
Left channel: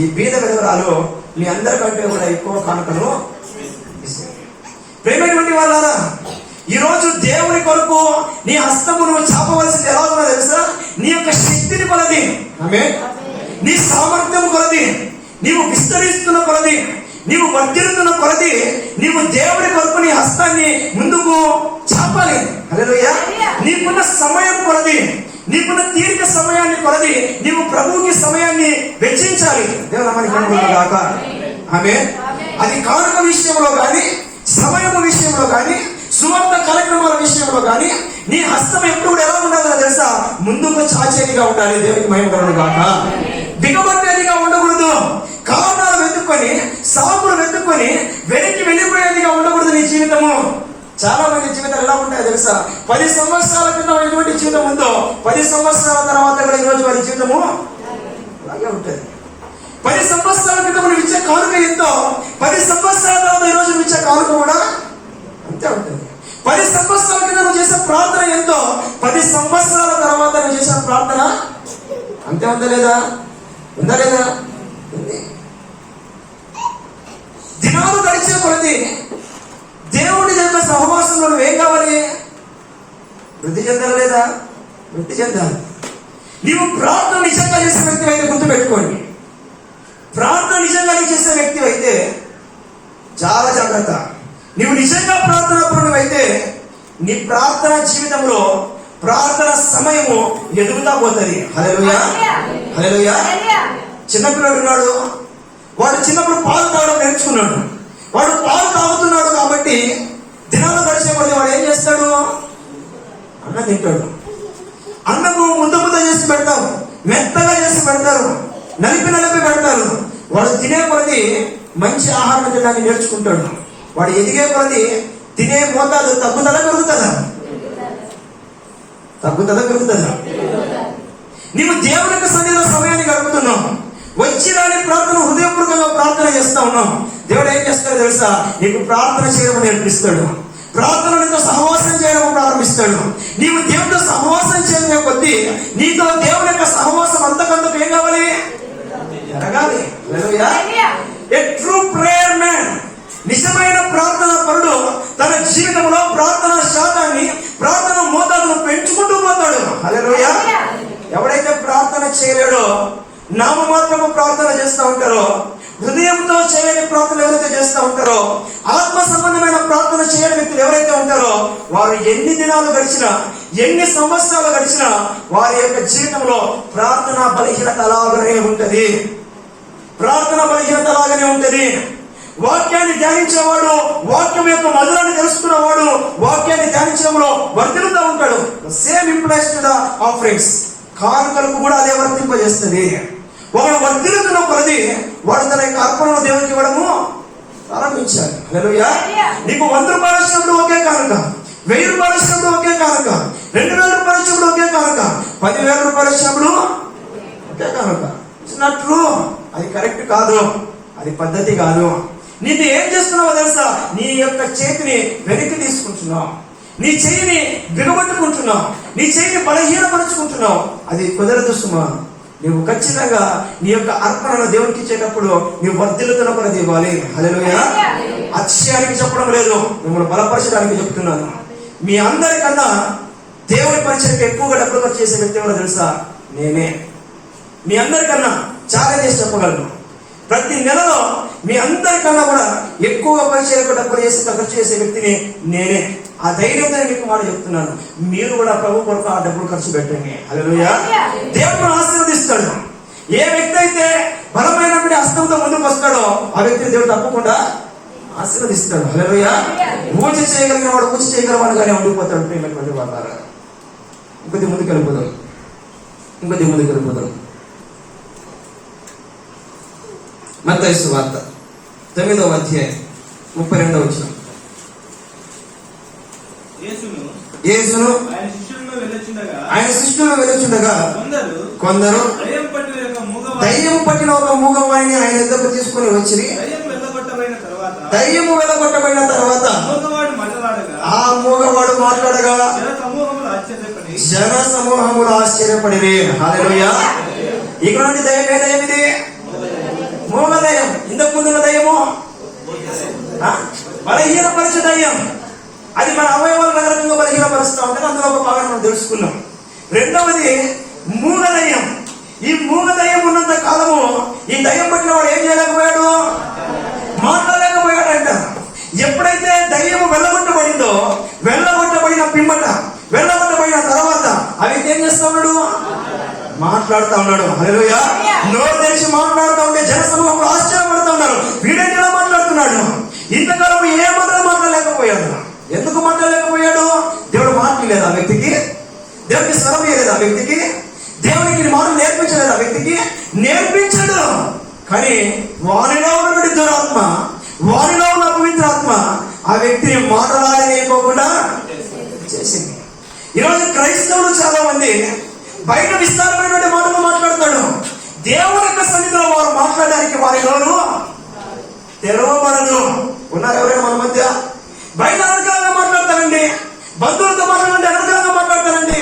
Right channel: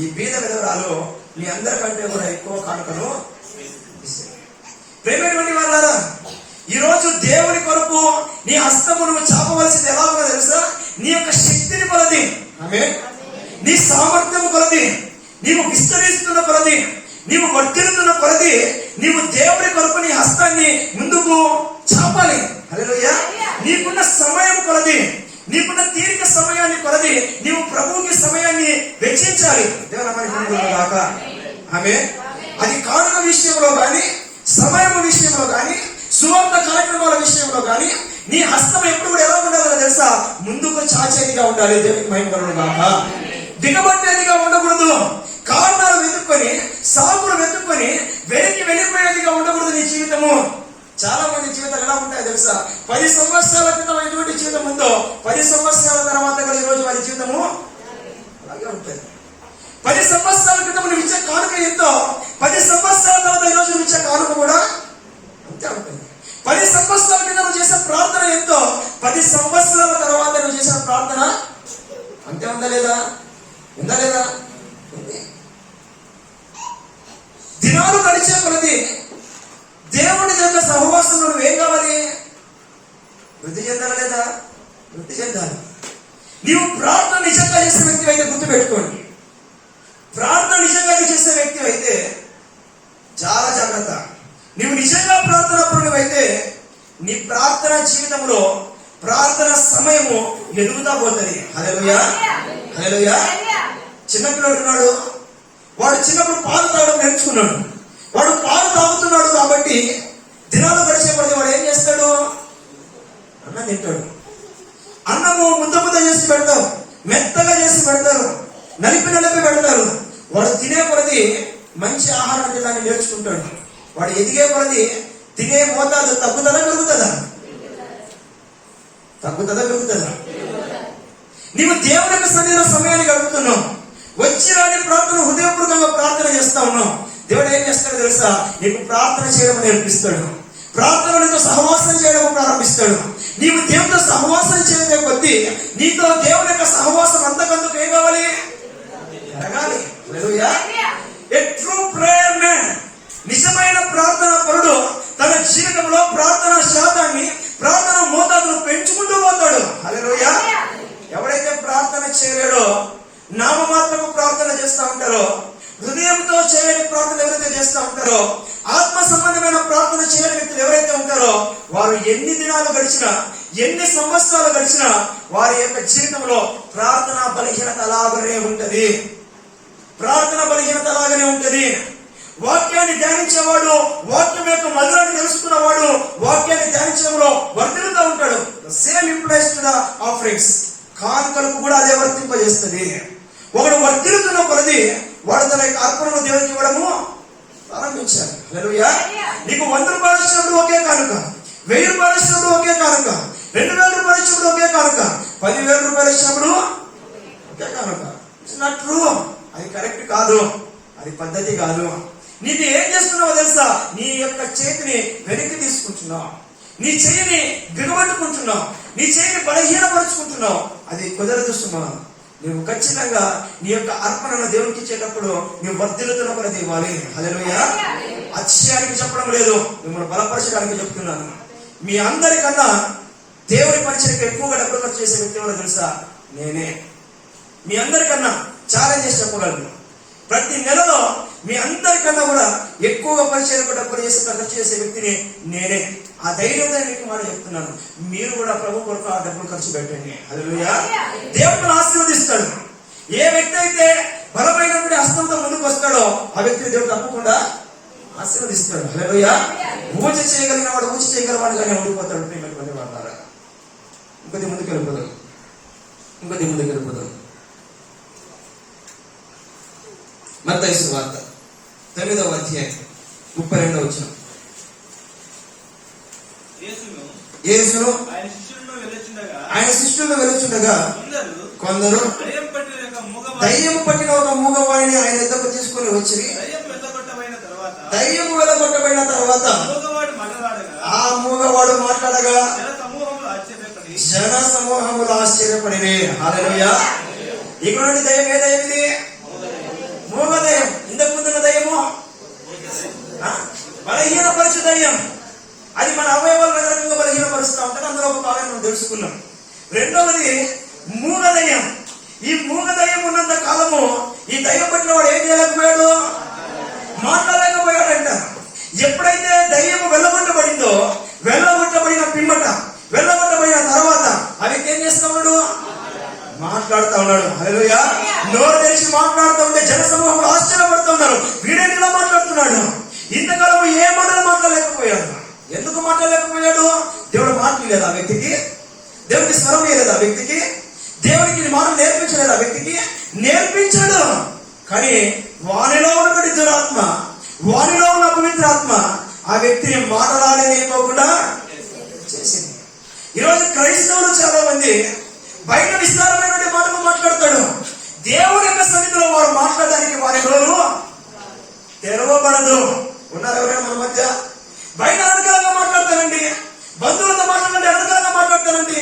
ఈ బీద విధవరాలు మీ అందరికంటే కూడా ఎక్కువ కానుకను ఇస్తుంది. ప్రేమైనటువంటి వాళ్ళారా, ఈ రోజు దేవుని కొరకు నీ హస్తము నువ్వు చాపవలసింది ఎలా ఉందో తెలుసా? నీ యొక్క శక్తిని కొలది, ఆమేన్, నీ సామర్థ్యం కొలది, నీవు విస్తరిస్తున్న కొలది, నీవు వర్ధిల్లుతున్న కొలది, నీవు దేవుని కొరకు నీ హస్తాన్ని ముందుకు చాపాలి. హల్లెలూయా. నీకున్న సమయం కొలది, నీకున్న తీరిక సమయాన్ని కొలది నీవు ప్రభువుకి సమయాన్ని వెచ్చించాలి. దేవుడు ఆమేన్. అది కానుక విషయంలో కానీ, సమయం విషయంలో కానీ, సువార్త కార్యక్రమాల విషయంలో కానీ నీ హస్తం ఎప్పుడు కూడా ఎలా ఉండాలో తెలుసా? ముందుకు చాచేదిగా ఉండాలి. దేవునికి మహిమ కలుగును గాక. దిగబట్టేదిగా ఉండకూడదు. కారణాలు వెతుక్కొని, సాకులు వెతుక్కొని వెనక్కి వెళ్ళిపోయేదిగా ఉండకూడదు నీ జీవితము. చాలా మంది జీవితాలు ఎలా ఉంటాయో తెలుసా? 10 సంవత్సరాల క్రితం ఎటువంటి జీవితం ఉందో 10 సంవత్సరాల తర్వాత కూడా ఈరోజు వారి జీవితము అలాగే ఉంటుంది. 10 సంవత్సరాల క్రితం నువ్వు ఇచ్చే కానుక ఎంతో 10 సంవత్సరాల తర్వాత ఈ రోజు నువ్వు ఇచ్చే కానుక కూడా అంతే ఉంటుంది. 10 సంవత్సరాల క్రితం నువ్వు చేసే ప్రార్థన ఎంతో 10 సంవత్సరాల తర్వాత నువ్వు చేసిన ప్రార్థన అంతే ఉందా లేదా? ఉందా లేదా? దినాలు గడిచే కొలది దేవుడి యొక్క సహవాసంలో నువ్వేం కావాలి? వృద్ధి చెందాలి లేదా? వృద్ధి చెందాలి. నీవు ప్రార్థన నిజంగా చేసే వ్యక్తి అయితే గుర్తుపెట్టుకోండి. ప్రార్థన నిజంగా చేసే వ్యక్తి అయితే చాలా జాగ్రత్త. నీవు నిజంగా ప్రార్థన పరుడు అయితే నీ ప్రార్థన జీవితంలో ప్రార్థన సమయము ఎదుగుతా పోతుంది. హల్లెలూయా. హల్లెలూయా. చిన్నపిల్లడు ఉన్నాడు, వాడు చిన్నప్పుడు పాలు తాగడం నేర్చుకున్నాడు. వాడు పాలు తాగుతున్నాడు కాబట్టి దినాలు గడిచేపడితే వాడు ఏం చేస్తాడు? అన్నం తింటాడు. అన్నము ముద్ద చేసి పెడతారు, మెత్తగా చేసి పెడతారు, నలిపి పెడతారు. వాడు తినే కొలది మంచి ఆహారం తినడానికి నేర్చుకుంటాడు. వాడు ఎదిగే కొలది తినే మోతాదు తగ్గుతుందా పెరుగుతుందా? పెరుగుతుందా? నీవు దేవుని యొక్క సన్నిధిలో సమయాన్ని గడుపుతున్నావు. వచ్చి రాని ప్రార్థన హృదయపూర్వకంగా ప్రార్థన చేస్తా ఉన్నావు. దేవుడు ఏం చేస్తాడో తెలుసా? నీకు ప్రార్థన చేయడం నేర్పిస్తాడు. ప్రార్థన నీతో సహవాసం చేయడం ప్రారంభిస్తాడు. నీవు దేవుడితో సహవాసం చేయడం కొద్దీ నీతో దేవుని యొక్క సహవాసం అంతకంతకు ఏం కావాలి? జరగాలి. ఏ ట్రూ ప్రేయర్ మ్యాన్, నిజమైన ప్రార్థన పరుడు తన జీవితంలో ప్రార్థన శాతాన్ని, ప్రార్థన మోతాదును పెంచుకుంటూ పోతాడు. హల్లెలూయా. ఎవడైతే ప్రార్థన చేయలేడో, నామమాత్రము ప్రార్థన చేస్తూ ఉంటారో, హృదయంతో చేయని ప్రార్థన ఎవరైతే చేస్తూ ఉంటారో, ఆత్మ సంబంధమైన ప్రార్థన చేయని వ్యక్తులు ఎవరైతే ఉంటారో, వారు ఎన్ని దినాలు గడిచినా, ఎన్ని సంవత్సరాలు గడిచినా వారి యొక్క జీవితంలో ప్రార్థన బలహీనత అలాగనే ఉంటది. ప్రార్థన బలహీనత అలాగనే ఉంటది. వాక్యాన్ని ధ్యానించేవాడు, వాక్యం యొక్క మధురాన్ని తెలుసుకున్నవాడు వాక్యాన్ని ధ్యానించడంలో వర్ధిల్లుతూ ఉంటాడు. Same implies to the offerings. కానుకలకు కూడా అదే వర్తింపజేస్తుంది. ఒకడు వర్ధిల్లుతున్న కొలది వాడు తన యొక్క అర్పణను దేవునికి ఇవ్వడము ప్రారంభించాలి. హల్లెలూయా. నీకు 100 రూపాయలు ఇచ్చినప్పుడు ఒకే కానుక, 1000 రూపాయలు ఇచ్చినప్పుడు ఒకే కానుక, 2000 రూపాయలు ఇచ్చినప్పుడు ఒకే కానుక, 10,000 రూపాయలు ఇచ్చినప్పుడు ఒకే కానుక ఇచ్చినట్లు అది కరెక్ట్ కాదు, అది పద్ధతి కాదు. నీది ఏం చేస్తున్నావో తెలుసా? నీ యొక్క చేతిని వెనక్కి తీసుకుంటున్నావు, నీ చెయ్యిని బిగబట్టుకుంటున్నావు, నీ చెయ్యిని బలహీనపరుచుకుంటున్నావు. అది కుదరదు సుమా. నువ్వు ఖచ్చితంగా నీ యొక్క అర్పణను దేవునికి ఇచ్చేటప్పుడు నీవు వర్ధిల్లుతున్న కొలది ఇవ్వాలి. హల్లెలూయా. అతిశయానికి చెప్పడం లేదు, మిమ్మల్ని బలపరచడానికి చెప్తున్నాను. మీ అందరికన్నా దేవుని పరిచయకు ఎక్కువగా డబ్బులు ఖర్చు చేసే వ్యక్తి ఎవరో తెలుసా? నేనే. మీ అందరికన్నా ఛాలెంజ్ చేసి చెప్పగలను. ప్రతి నెలలో మీ అందరికన్నా కూడా ఎక్కువగా పరిచయాలకు డబ్బులు చేసి ఖర్చు చేసే వ్యక్తిని నేనే. ఆ ధైర్యంతో మీకు మాట చెప్తున్నాను. మీరు కూడా ప్రభు కొరకు ఆ డబ్బులు ఖర్చు పెట్టండి. హల్లెలూయా. దేవుడు ఆశీర్వదిస్తాడు. ఏ వ్యక్తి అయితే బలమైనటువంటి హస్తంతో ముందుకు వస్తాడో ఆ వ్యక్తిని దేవుడు తప్పకుండా ఆశీర్వదిస్తాడు. హల్లెలూయా. పూజ చేయగలిగిన వాడు పూజ చేయగలవాడుగానే ఉండిపోతాడు. ప్రేమటువంటి వాడారా, ఇంకొద్ది ముందుకు వెళ్ళిపోతాం. మత్తయి సువార్త 9వ అధ్యాయం 32వ వచనం. యేసును ఆయన శిష్యులు వెళ్ళుచుండగా కొందరు దయ్యం పట్టిన ఒక మూగవాడిని ఆయన ఎద్దకు తీసుకుని వచ్చి, దయ్యము వెళ్ళగొట్టబడిన తర్వాత ఆ మూగవాడు మాట్లాడగా జన సమూహములు ఆశ్చర్యపడివి. హల్లెలూయా. ఇక్కడ నుండి దయ్యం ఏ దయ్యం ఇది? మూగ దయ్యం. ఇంతకు ముందున్న దయ్యము బలహీనపరచు దయ్యం. అది మన అవయవాలు రకరకంగా బలహీనపరుస్తూ ఉంటుంది. అందులో ఒక భాగం మనం తెలుసుకున్నాం. రెండవది మూగ దయ్యం. ఈ మూగ దయ్యం ఉన్నంత కాలము ఈ దయ్యం పట్టిన వాడు ఏం చేయలేకపోయాడు? మాట్లాడలేకపోయాడంట. ఎప్పుడైతే దయ్యము వెళ్ళగొట్టబడిందో, వెళ్ళగొట్టబడిన పిమ్మట, వెళ్ళగొట్టబడిన తర్వాత ఆ వ్యక్తి ఏం చేస్తా ఉన్నాడు? మాట్లాడుతా ఉన్నాడు. హల్లెలూయా. నోరు తెరిచి మాట్లాడుతూ ఉంటే జన సమూహంలో ఆశ్చర్యపడుతూ ఉన్నారు. వీడెందులో మాట్లాడుతున్నాడు? ఇంతకాలం ఏ మాటలు మాట్లాడలేకపోయాడు. ఎందుకు మాట్లాడలేకపోయాడు? దేవుడు మాట్లాడలేదు ఆ వ్యక్తికి. దేవుడికి స్వరం ఇవ్వలేదు ఆ వ్యక్తికి. దేవునికి మాటలు నేర్పించలేదు ఆ వ్యక్తికి. నేర్పించాడు. కానీ వానిలో ఉన్నటువంటి దురాత్మ, వానిలో ఉన్న అపవిత్రాత్మ ఆ వ్యక్తిని మాట్లాడలేకపోకుండా చేసింది. ఈరోజు క్రైస్తవులు చాలా మంది బయట విస్తారమైనటువంటి మాటలు మాట్లాడతాడు. దేవుని యొక్క సన్నిధిలో వారు మాట్లాడడానికి వారి నోరు తెరవబడదు. ఉన్నారు ఎవరైనా మన మధ్య? బయట అనర్గళంగా మాట్లాడతానండి, బంధువులతో మాట్లాడండి అనర్గళంగా మాట్లాడతానండి,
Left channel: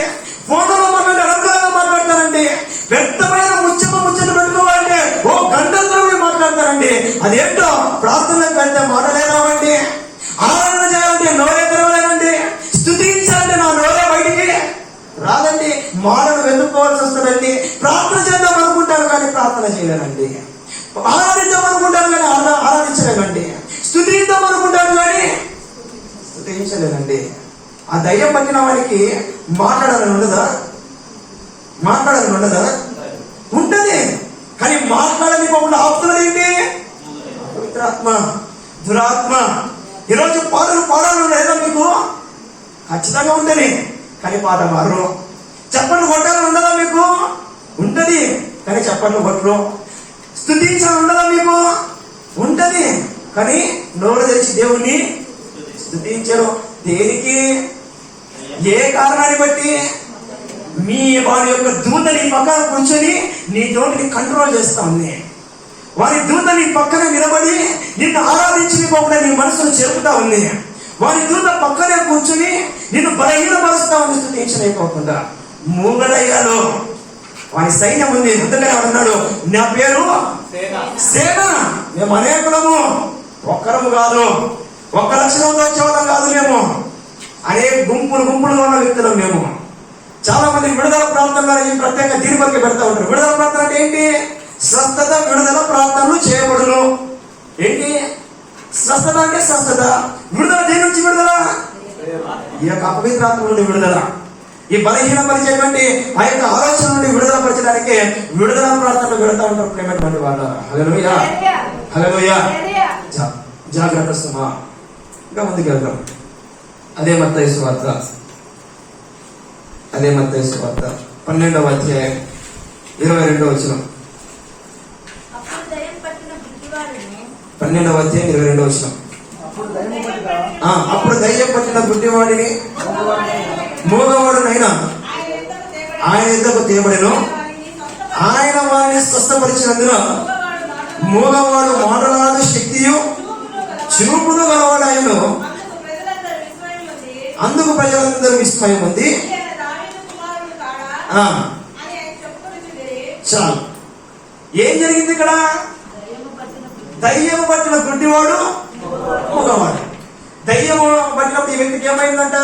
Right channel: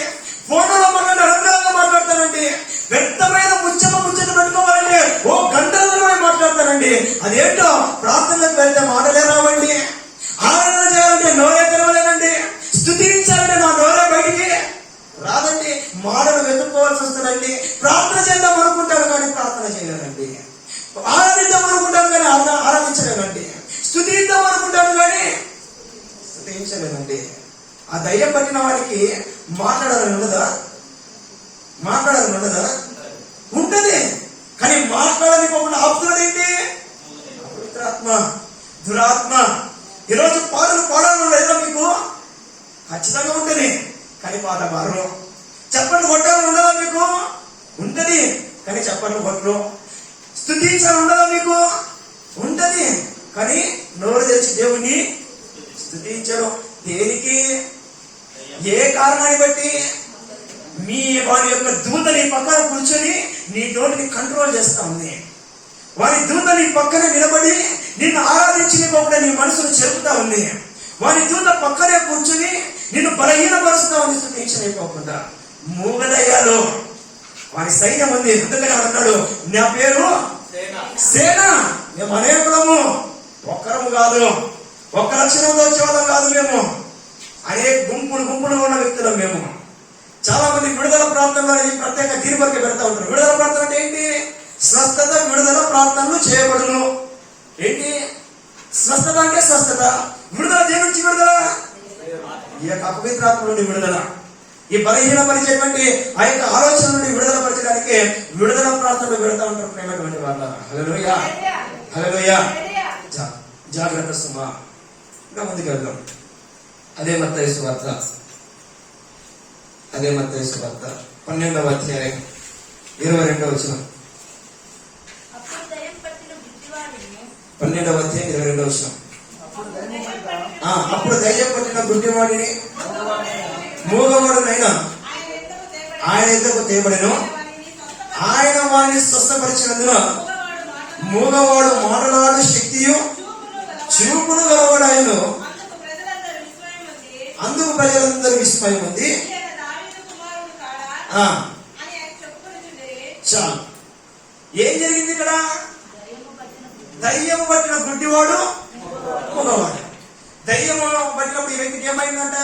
ఫోన్లలో మాట్లాడి అనర్గళంగా మాట్లాడతానండి, వ్యక్తమైన ముచ్చట పెట్టుకోవాలండి ఓ గంటల్లో మాట్లాడతారండి. అదేంటో ప్రార్థనలకు వెళ్తే మాటలే రావండి. ఆరాధన చేయాలంటే నోరే తెరవలేనండి. స్తుతించాలంటే నా నోరే బయటికి రాదండి. మాటలు వెతుక్కోవాల్సి వస్తుందండి. ప్రార్థన చేద్దాం అనుకుంటాను కానీ ప్రార్థన చేయలేనండి. ఆరాధిద్దాం అనుకుంటాను కానీ ఆరాధించలేనండి. స్తుతిద్దాం అనుకుంటాను కానీ స్తుతించలేనండి. ఆ దయ్యం పట్టిన వాడికి మాట్లాడాలని ఉండదా? ఉంటది. కానీ మాట్లాడని పోకుండా ఆపుతున్నది ఏంటి? పవిత్రాత్మ, దురాత్మ. ఈరోజు పాటలు పాడాలని లేదా మీకు? ఖచ్చితంగా ఉంటది. కానీ పాట మారు. చప్పట్లు కొట్టాలని ఉండదా మీకు? ఉంటది. కానీ చప్పట్లు కొట్టరు. స్తుతించాలని ఉండదా మీకు? ఉంటది. కానీ నోరు తెచ్చి దేవుణ్ణి స్తుతించరు. దేనికి? ఏ కారణాన్ని బట్టి? వారి యొక్క దూత నీ పక్కన కూర్చొని నీ నోటిని కంట్రోల్ చేస్తా ఉంది. వారి దూత నీ పక్కన నిలబడి నిన్ను ఆరాధించకపోకుండా నీ మనసును చెరుపుతా ఉంది. వారి దూత పక్కనే కూర్చొని నిన్ను బలహీనపరుస్తా ఉంది స్తుతించలేకపోకుండా. మూగదయ్యాలు వారి సైన్యం ఉంది. ముందుగానే అన్నాడు, నా పేరు సేన, మేము అనేకులము, ఒక్కరము కాదు, ఒక్క లక్షణంతో వచ్చేవాళ్ళం కాదు. మేము అనేక గుంపులుగా ఉన్న వ్యక్తులం. మేము చాలా మంది విడుదల ప్రాంతంలో ఈ ప్రత్యేక తీర్పుకి పెడతా ఉంటారు. విడుదల ప్రాంతం అంటే ఏంటి? స్వస్థత, విడుదల ప్రాంతాలు చేయబడును. ఏంటి స్వస్థత అంటే? స్వస్థత. విడుదల దేని నుంచి విడుదల? ఈ యొక్క అపవిత్రాత్మ నుండి విడుదల. ఈ బలహీనపరిచేటువంటి ఆ యొక్క ఆలోచన నుండి విడుదల పరచడానికి విడుదల ప్రాంతంలో వెళుతూ ఉంటారు. ప్రేమటువంటి వాళ్ళ హల్లెలూయా, హల్లెలూయా. జాగ్రత్త సుమా. ఇంకా ముందుకు వెళ్దాం. అదే మత్తయి సువార్త 12వ అధ్యాయం 22వ వచనం. 12వ అధ్యాయం 22వ వచనం. అప్పుడు దయ్యం పట్టిన గుడ్డివాడిని మూగవాడునైనా ఆయన ఎద్దకు తేబడెను. ఆయన వారిని స్వస్థపరిచినందున మూగవాడు మాటలాడు శక్తియు చూపును గలవాడాయను. అందుకు ప్రజలందరూ విస్మయం ఉంది. చాలు. ఏం జరిగింది ఇక్కడ? దయ్యము పట్టిన గుడ్డివాడు మూగవాడు. దయ్యము పట్టినప్పుడు ఈ వ్యక్తికి ఏమైందంట?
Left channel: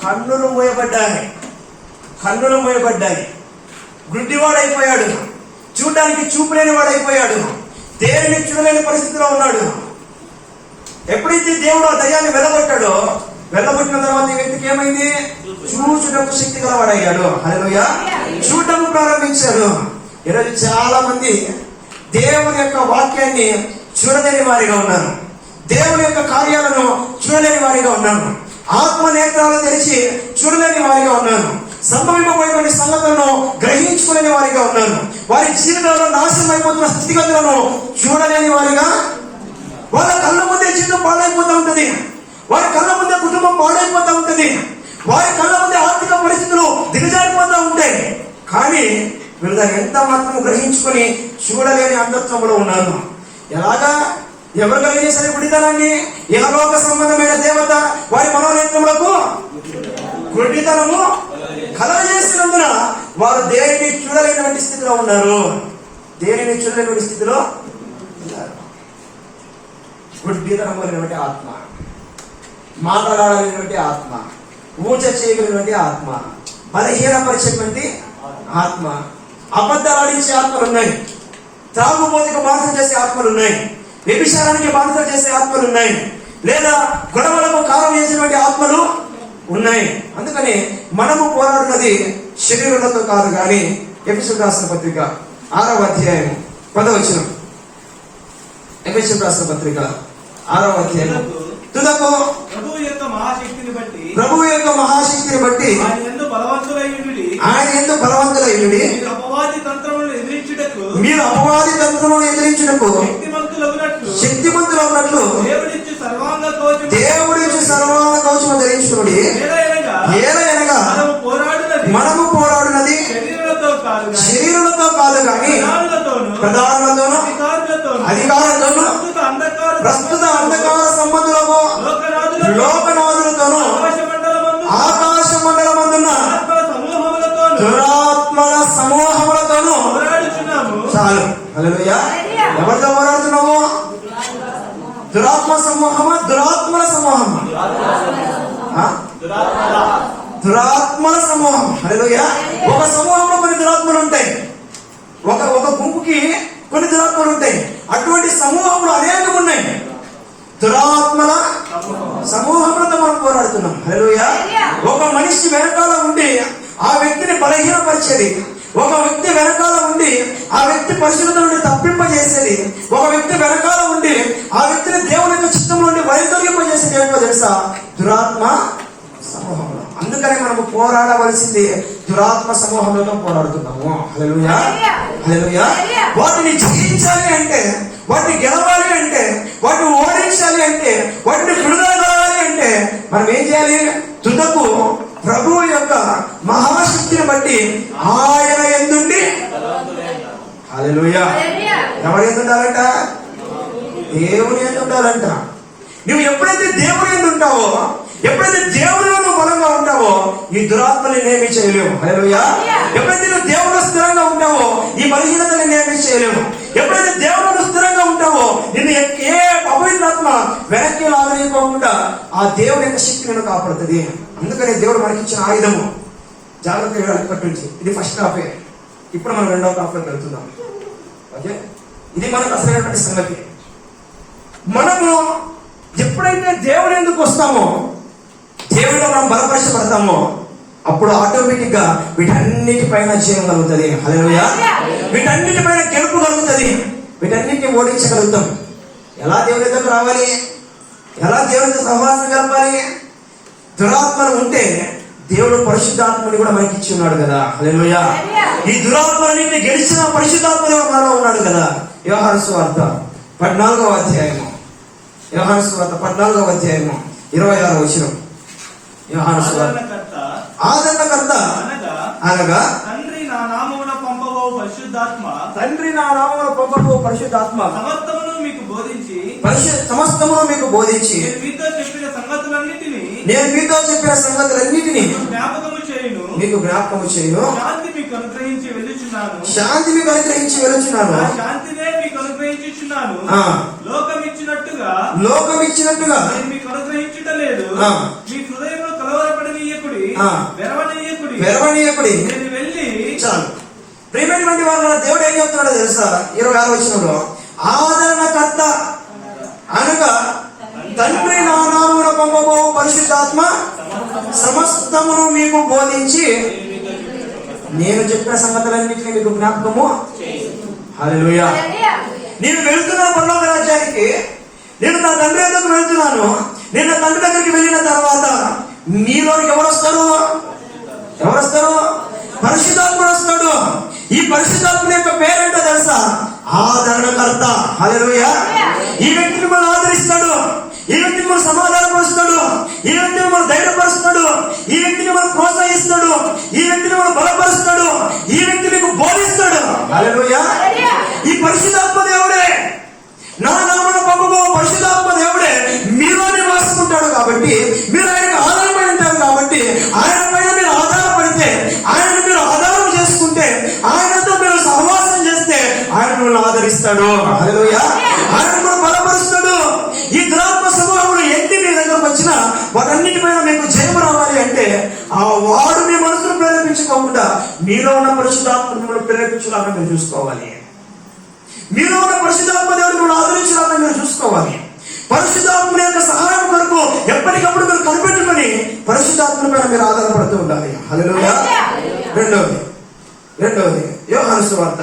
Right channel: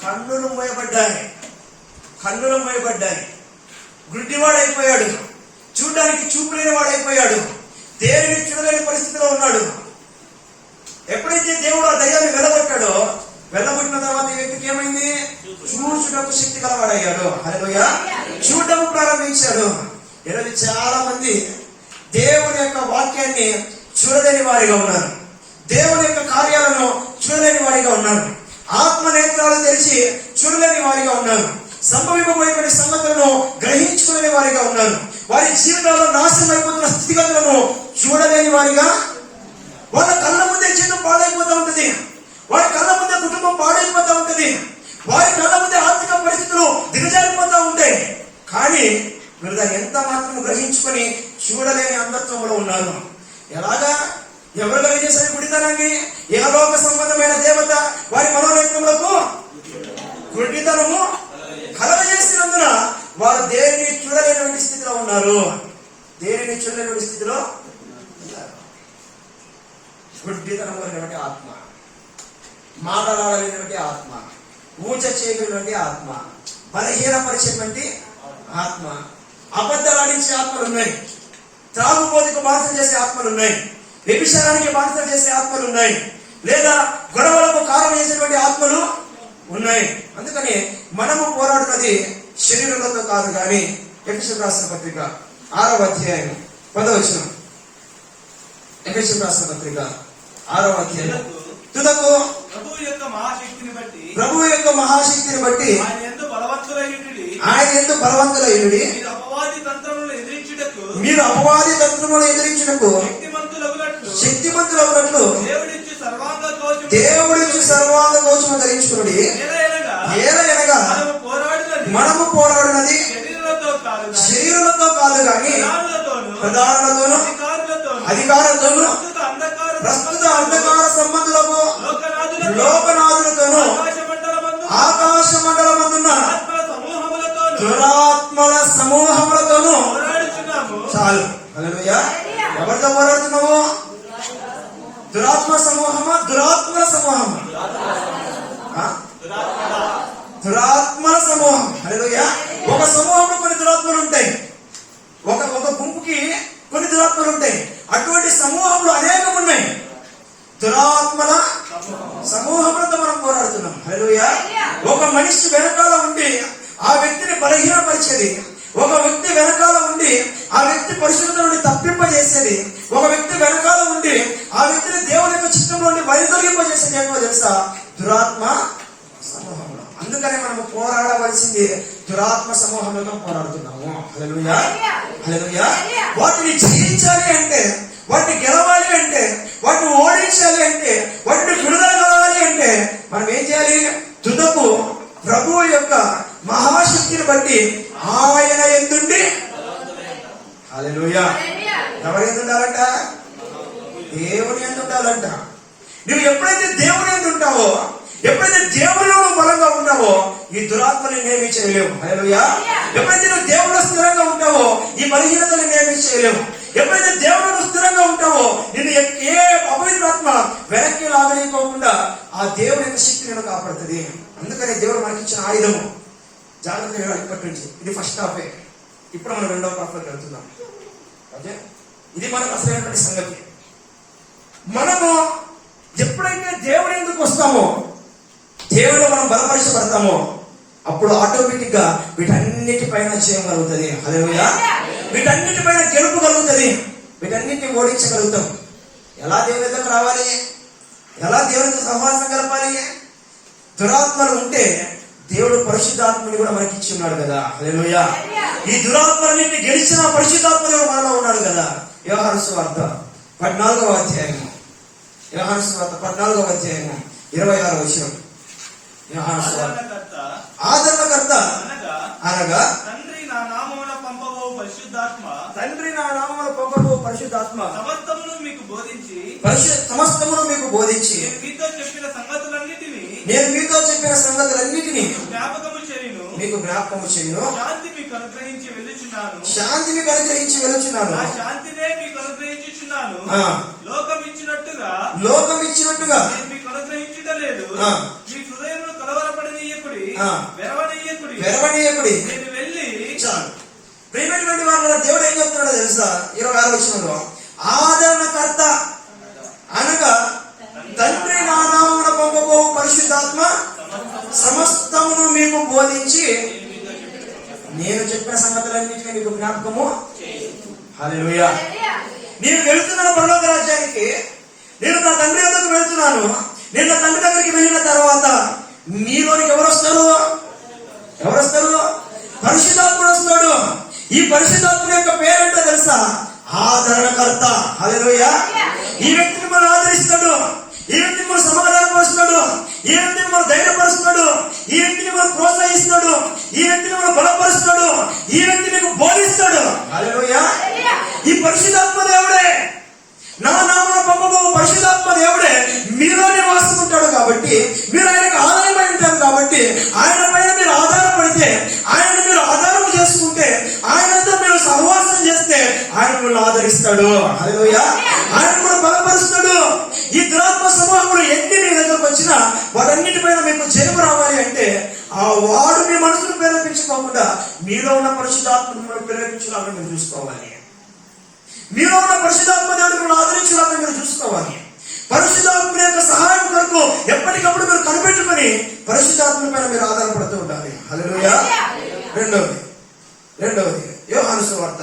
కన్నులు మూయబడ్డాయి. గుడ్డివాడు అయిపోయాడు. చూడడానికి చూపు లేని వాడు అయిపోయాడు. దేవుని చూడలేని పరిస్థితిలో ఉన్నాడు. ఎప్పుడైతే దేవుడు ఆ దయ్యాన్ని వెళ్ళగొట్టాడో, వెళ్ళగొట్టిన తర్వాత ఈ వ్యక్తికి ఏమైంది? చూచుటకు శక్తి గలవాడయ్యాడు. హల్లెలూయా. చూడటం ప్రారంభించాడు. ఈరోజు చాలా మంది దేవుని యొక్క వాక్యాన్ని చూడలేని వారిగా ఉన్నారు. దేవుని యొక్క కార్యాలను చూడలేని వారిగా ఉన్నారు. ఆత్మ నేత్రాలు తెరిచి చూడలేని వారిగా ఉన్నారు. సంభవింపబోయేటువంటి సంగతులను గ్రహించుకునే వారిగా ఉన్నారు. వారి జీవితంలో నాశనం అయిపోతున్న స్థితిగతులను చూడలేని వారిగా, వాళ్ళ కళ్ళ ముందే జీవితం పాడైపోతూ ఉంటది. వారి కళ్ళ ముందే కుటుంబం పాడైపోతూ ఉంటది. వారి కళ్ళ ముందే ఆర్థిక పరిస్థితులు దిగజారిపోతూ ఉంటాయి. కానీ వీళ్ళు దాన్ని ఎంత మాత్రం గ్రహించుకొని చూడలేని అంధత్వంలో ఉన్నారు. ఎలాగా? ఎవరు కలిగేసరి గుడితనాన్ని? ఇహలోక సంబంధమైన దేవత వారి మనోనేత్రములకు గుడితనము కలగజేసినందున వారు దేనిని చూడలేనటువంటి స్థితిలో ఉన్నారు. దేనిని చూడలేనటువంటి స్థితిలో ఉన్నారు. గుడ్డితనం అనేటువంటి ఆత్మ, మాట్లాడలేనటువంటి ఆత్మ, ఊచ చేయగలిగినటువంటి ఆత్మ, బలహీనపరిచేటువంటి ఆత్మ, అబద్ధాలు ఆడించే ఆత్మలు ఉన్నాయి. త్రాగుబోతుకు బానిస చేసే ఆత్మలు ఉన్నాయి. వ్యభిచారానికి బానిస చేసే ఆత్మలు ఉన్నాయి. లేదా గొడవలకు కారణం చేసేటువంటి ఆత్మలు ఉన్నాయి. అందుకని మనము పోరాడున్నది శరీరులతో కాదు కానీ, ఎఫెసీయులకు రాసిన పత్రిక 6వ అధ్యాయం 10వ వచనం. ఎఫెసీయులకు రాసిన పత్రిక 6వ అధ్యాయం తుదకు ప్రభువు యొక్క మహాశక్తిని బట్టి ఆయన యందు బలవంతులైయుడి, మీరు అపవాది తంత్రములను ఎదిరించుటకు శక్తిమంతులగునట్లు దేవుడిచ్చి సర్వాంగ కవచము ధరించుకునుడి. ఏలయనగా మనము పోరాడున్నది శరీరులతో కాదు గాని ప్రధానులతోనూ అధికారులతోనూ ప్రస్తుత అంధకార సంబంధులకు లోకనాథులతోనూ ఆకాశ మండలమందున్న దురాత్మల సమూహములతోనూ. చాలు. హల్లెలూయా. ఎవరితో పోరాడుతున్నావు? దురాత్మ సమూహమా? దురాత్మల సమూహమా? దురాత్మల సమూహం. హల్లెలూయా. ఒక సమూహంలో కొన్ని దురాత్మలు ఉంటాయి. ఒక గుంపుకి కొన్ని దురాత్మలు ఉంటాయి. అటువంటి సమూహంలో అనేకం ఉన్నాయి. దురాత్మల సమూహంతో మనం పోరాడుతున్నాం. హల్లెలూయా. ఒక మనిషి వెనకాల ఉండి ఆ వ్యక్తిని బలహీనపరిచేది, ఒక వ్యక్తి వెనకాల ఉండి ఆ వ్యక్తి పరిశుద్ధత నుండి తప్పింపజేసేది, ఒక వ్యక్తి వెనకాల ఉండి ఆ వ్యక్తిని దేవుని యొక్క చిత్తం నుండి వైదొలింపజేసేది ఏంటో తెలుసా? దురాత్మ సమూహంలో. అందుకని మనము పోరాడవలసింది దురాత్మ సమూహంలో పోరాడుతున్నాము. హల్లెలూయా. హల్లెలూయా. వాటిని జయించాలి అంటే, వాటిని గెలవాలి అంటే, వాటిని ఓడించాలి అంటే, వాటిని విడుదల కావాలి అంటే మనం ఏం చేయాలి? తుదకు ప్రభువు యొక్క మహాశక్తిని బట్టి ఆయన యందుండి. హల్లెలూయా. ఎవరి యందు ఉండాలంట? దేవుని యందు ఉండాలంట. నువ్వు ఎప్పుడైతే దేవుని యందు ఉంటావో, ఎప్పుడైతే దేవునిలో నువ్వు బలంగా ఉంటావో, ఈ దురాత్మని నేమి చేయలేవు. హల్లెలూయా. ఎప్పుడైతే నువ్వు దేవుడు స్థిరంగా ఉంటావో, ఈ బలహీనతని నేమి చేయలేవు. ఎప్పుడైతే దేవుడు స్థిరంగా ఉంటావో, నిన్ను ఏ అపవిత్రాత్మ వెనక్కి లాగలేకోకుండా ఆ దేవుని యొక్క శక్తి నేను కాపాడుతుంది. అందుకని దేవుడు మనకి ఇచ్చిన ఆయుధము జాగ్రత్తగా ఇప్పటి నుంచి. ఇది ఫస్ట్ హాఫే. ఇప్పుడు మనం రెండవ హాఫ్లోకి వెళ్తున్నాం. ఓకే, ఇది మనకు అసలైనటువంటి సంగతి. మనము ఎప్పుడైతే దేవుడి ఎందుకు వస్తామో, దేవుడిలో మనం బలపరచబడతామో, అప్పుడు ఆటోమేటిక్ గా వీటన్నిటిపైన జయం కలుగుతుంది. హల్లెలూయా. వీటన్నిటిపైన గెలుపు కలుగుతుంది. వీటన్నిటిని ఓడించగలుగుతాం. ఎలా దేవుని దగ్గర రావాలి? ఎలా దేవునితో సహవాసం కలపాలి? దురాత్మలు ఉంటే దేవుడు పరిశుద్ధాత్మని కూడా మనకి ఇచ్చి ఉన్నాడు కదా. హల్లెలూయా. ఈ దురాత్మలన్నింటినీ గెలిచిన పరిశుద్ధాత్మ మనలో ఉన్నాడు కదా. యోహాను సువార్త 14వ అధ్యాయము, యోహాను సువార్త 14వ అధ్యాయము 26వ వచనం. యోహాను సువార్త ఆదరణకర్త అనగా తండ్రి నా నామమున పంపబో పరిశుద్ధాత్మ సమస్తమును మీకు బోధించి నేను మీతో చెప్పిన సంగతులన్నిటినీ మీకు జ్ఞాపకము చేయును. శాంతి మీకు అనుగ్రహించి వెళ్ళుచున్నాను. లోకం ఇచ్చినట్టుగా మీకు అనుగ్రహించుటలేదు. మీ హృదయంలో వెరవనీయకుడి. నేను వెళ్ళి. చాలు. ప్రియమైనటువంటి వాళ్ళ దేవుడు ఏం చెప్తున్నాడో తెలుసా? 26వ వచనంలో ఆదరణకర్త అనగా తండ్రి నా నామమున పంపబో పరిశుద్ధాత్మ సమస్తమును మీకు బోధించి నేను చెప్పిన సంగతులన్నింటినీ మీకు జ్ఞాపకము. హల్లెలూయా. నేను వెళ్తున్నాను పరలోక రాజ్యానికి. నేను నా తండ్రి దగ్గరకు వెళ్తున్నాను. నేను నా తండ్రి దగ్గరికి వెళ్ళిన తర్వాత మీలోనికి ఎవరు వస్తారు? పరిశుద్ధాత్ముడు వస్తాడు. ఈ పరిశుద్ధాత్ముడు యొక్క పేరేంటో తెలుసా? ఆదరణకర్త. హల్లెలూయా. ఈ వ్యక్తి మిమ్మల్ని ఆదరిస్తాడు. ఈ వ్యక్తి మిమ్మల్ని సమాధానపరుస్తాడు. ఈ వ్యక్తి మిమ్మల్ని ధైర్యపరుస్తాడు. ఈ వ్యక్తిని మనం ప్రోత్సహిస్తాడు. ఈ వ్యక్తిని మనం బలపరుస్తాడు. ఈ వ్యక్తి మీకు బోధిస్తాడు. హల్లెలూయా. ఈ పరిశుద్ధాత్మ దేవుడే, నా నామమున పంపబో పరిశుద్ధాత్మ దేవుడే మీలో నివాసుకుంటాడు. కాబట్టి మీరు ఆయనకు ఆధారపడి ఉంటారు. కాబట్టి ఆయన పైన మీరు ఆధారపడితే, ఆయనను మీరు ఆధారం చేసుకుంటే, ఆయనతో మీరు సహవాసం చేస్తే ఆయన మిమ్మల్ని ఆదరిస్తాడు. హల్లెలూయా. ఆయన కూడా బలపరుస్తాడు. ఈ దురాత్మ సమూహములు ఎన్ని మీ దగ్గరకు వచ్చినా వాటన్నిటిపైన మీకు జయం రావాలి అంటే ఆ వాడు మీ మనసును ప్రేరేపించుకోకుండా మీలో ఉన్న పరిశుద్ధాత్మ మిమ్మల్ని ప్రేరేపించడానికి మీరు చూసుకోవాలి. మీలో ఉన్న పరిశుద్ధాత్మ దేవుడు మిమ్మల్ని ఆదరించడానికి మీరు చూసుకోవాలి. పరిశుద్ధాత్మ యొక్క సహాయం కొరకు ఎప్పటికప్పుడు మీరు కనిపెట్టుకుని పరిశుద్ధాత్మ పైన మీరు ఆధారపడుతూ ఉండాలి. హల్లెలూయా. రెండవది యోహాను సువార్త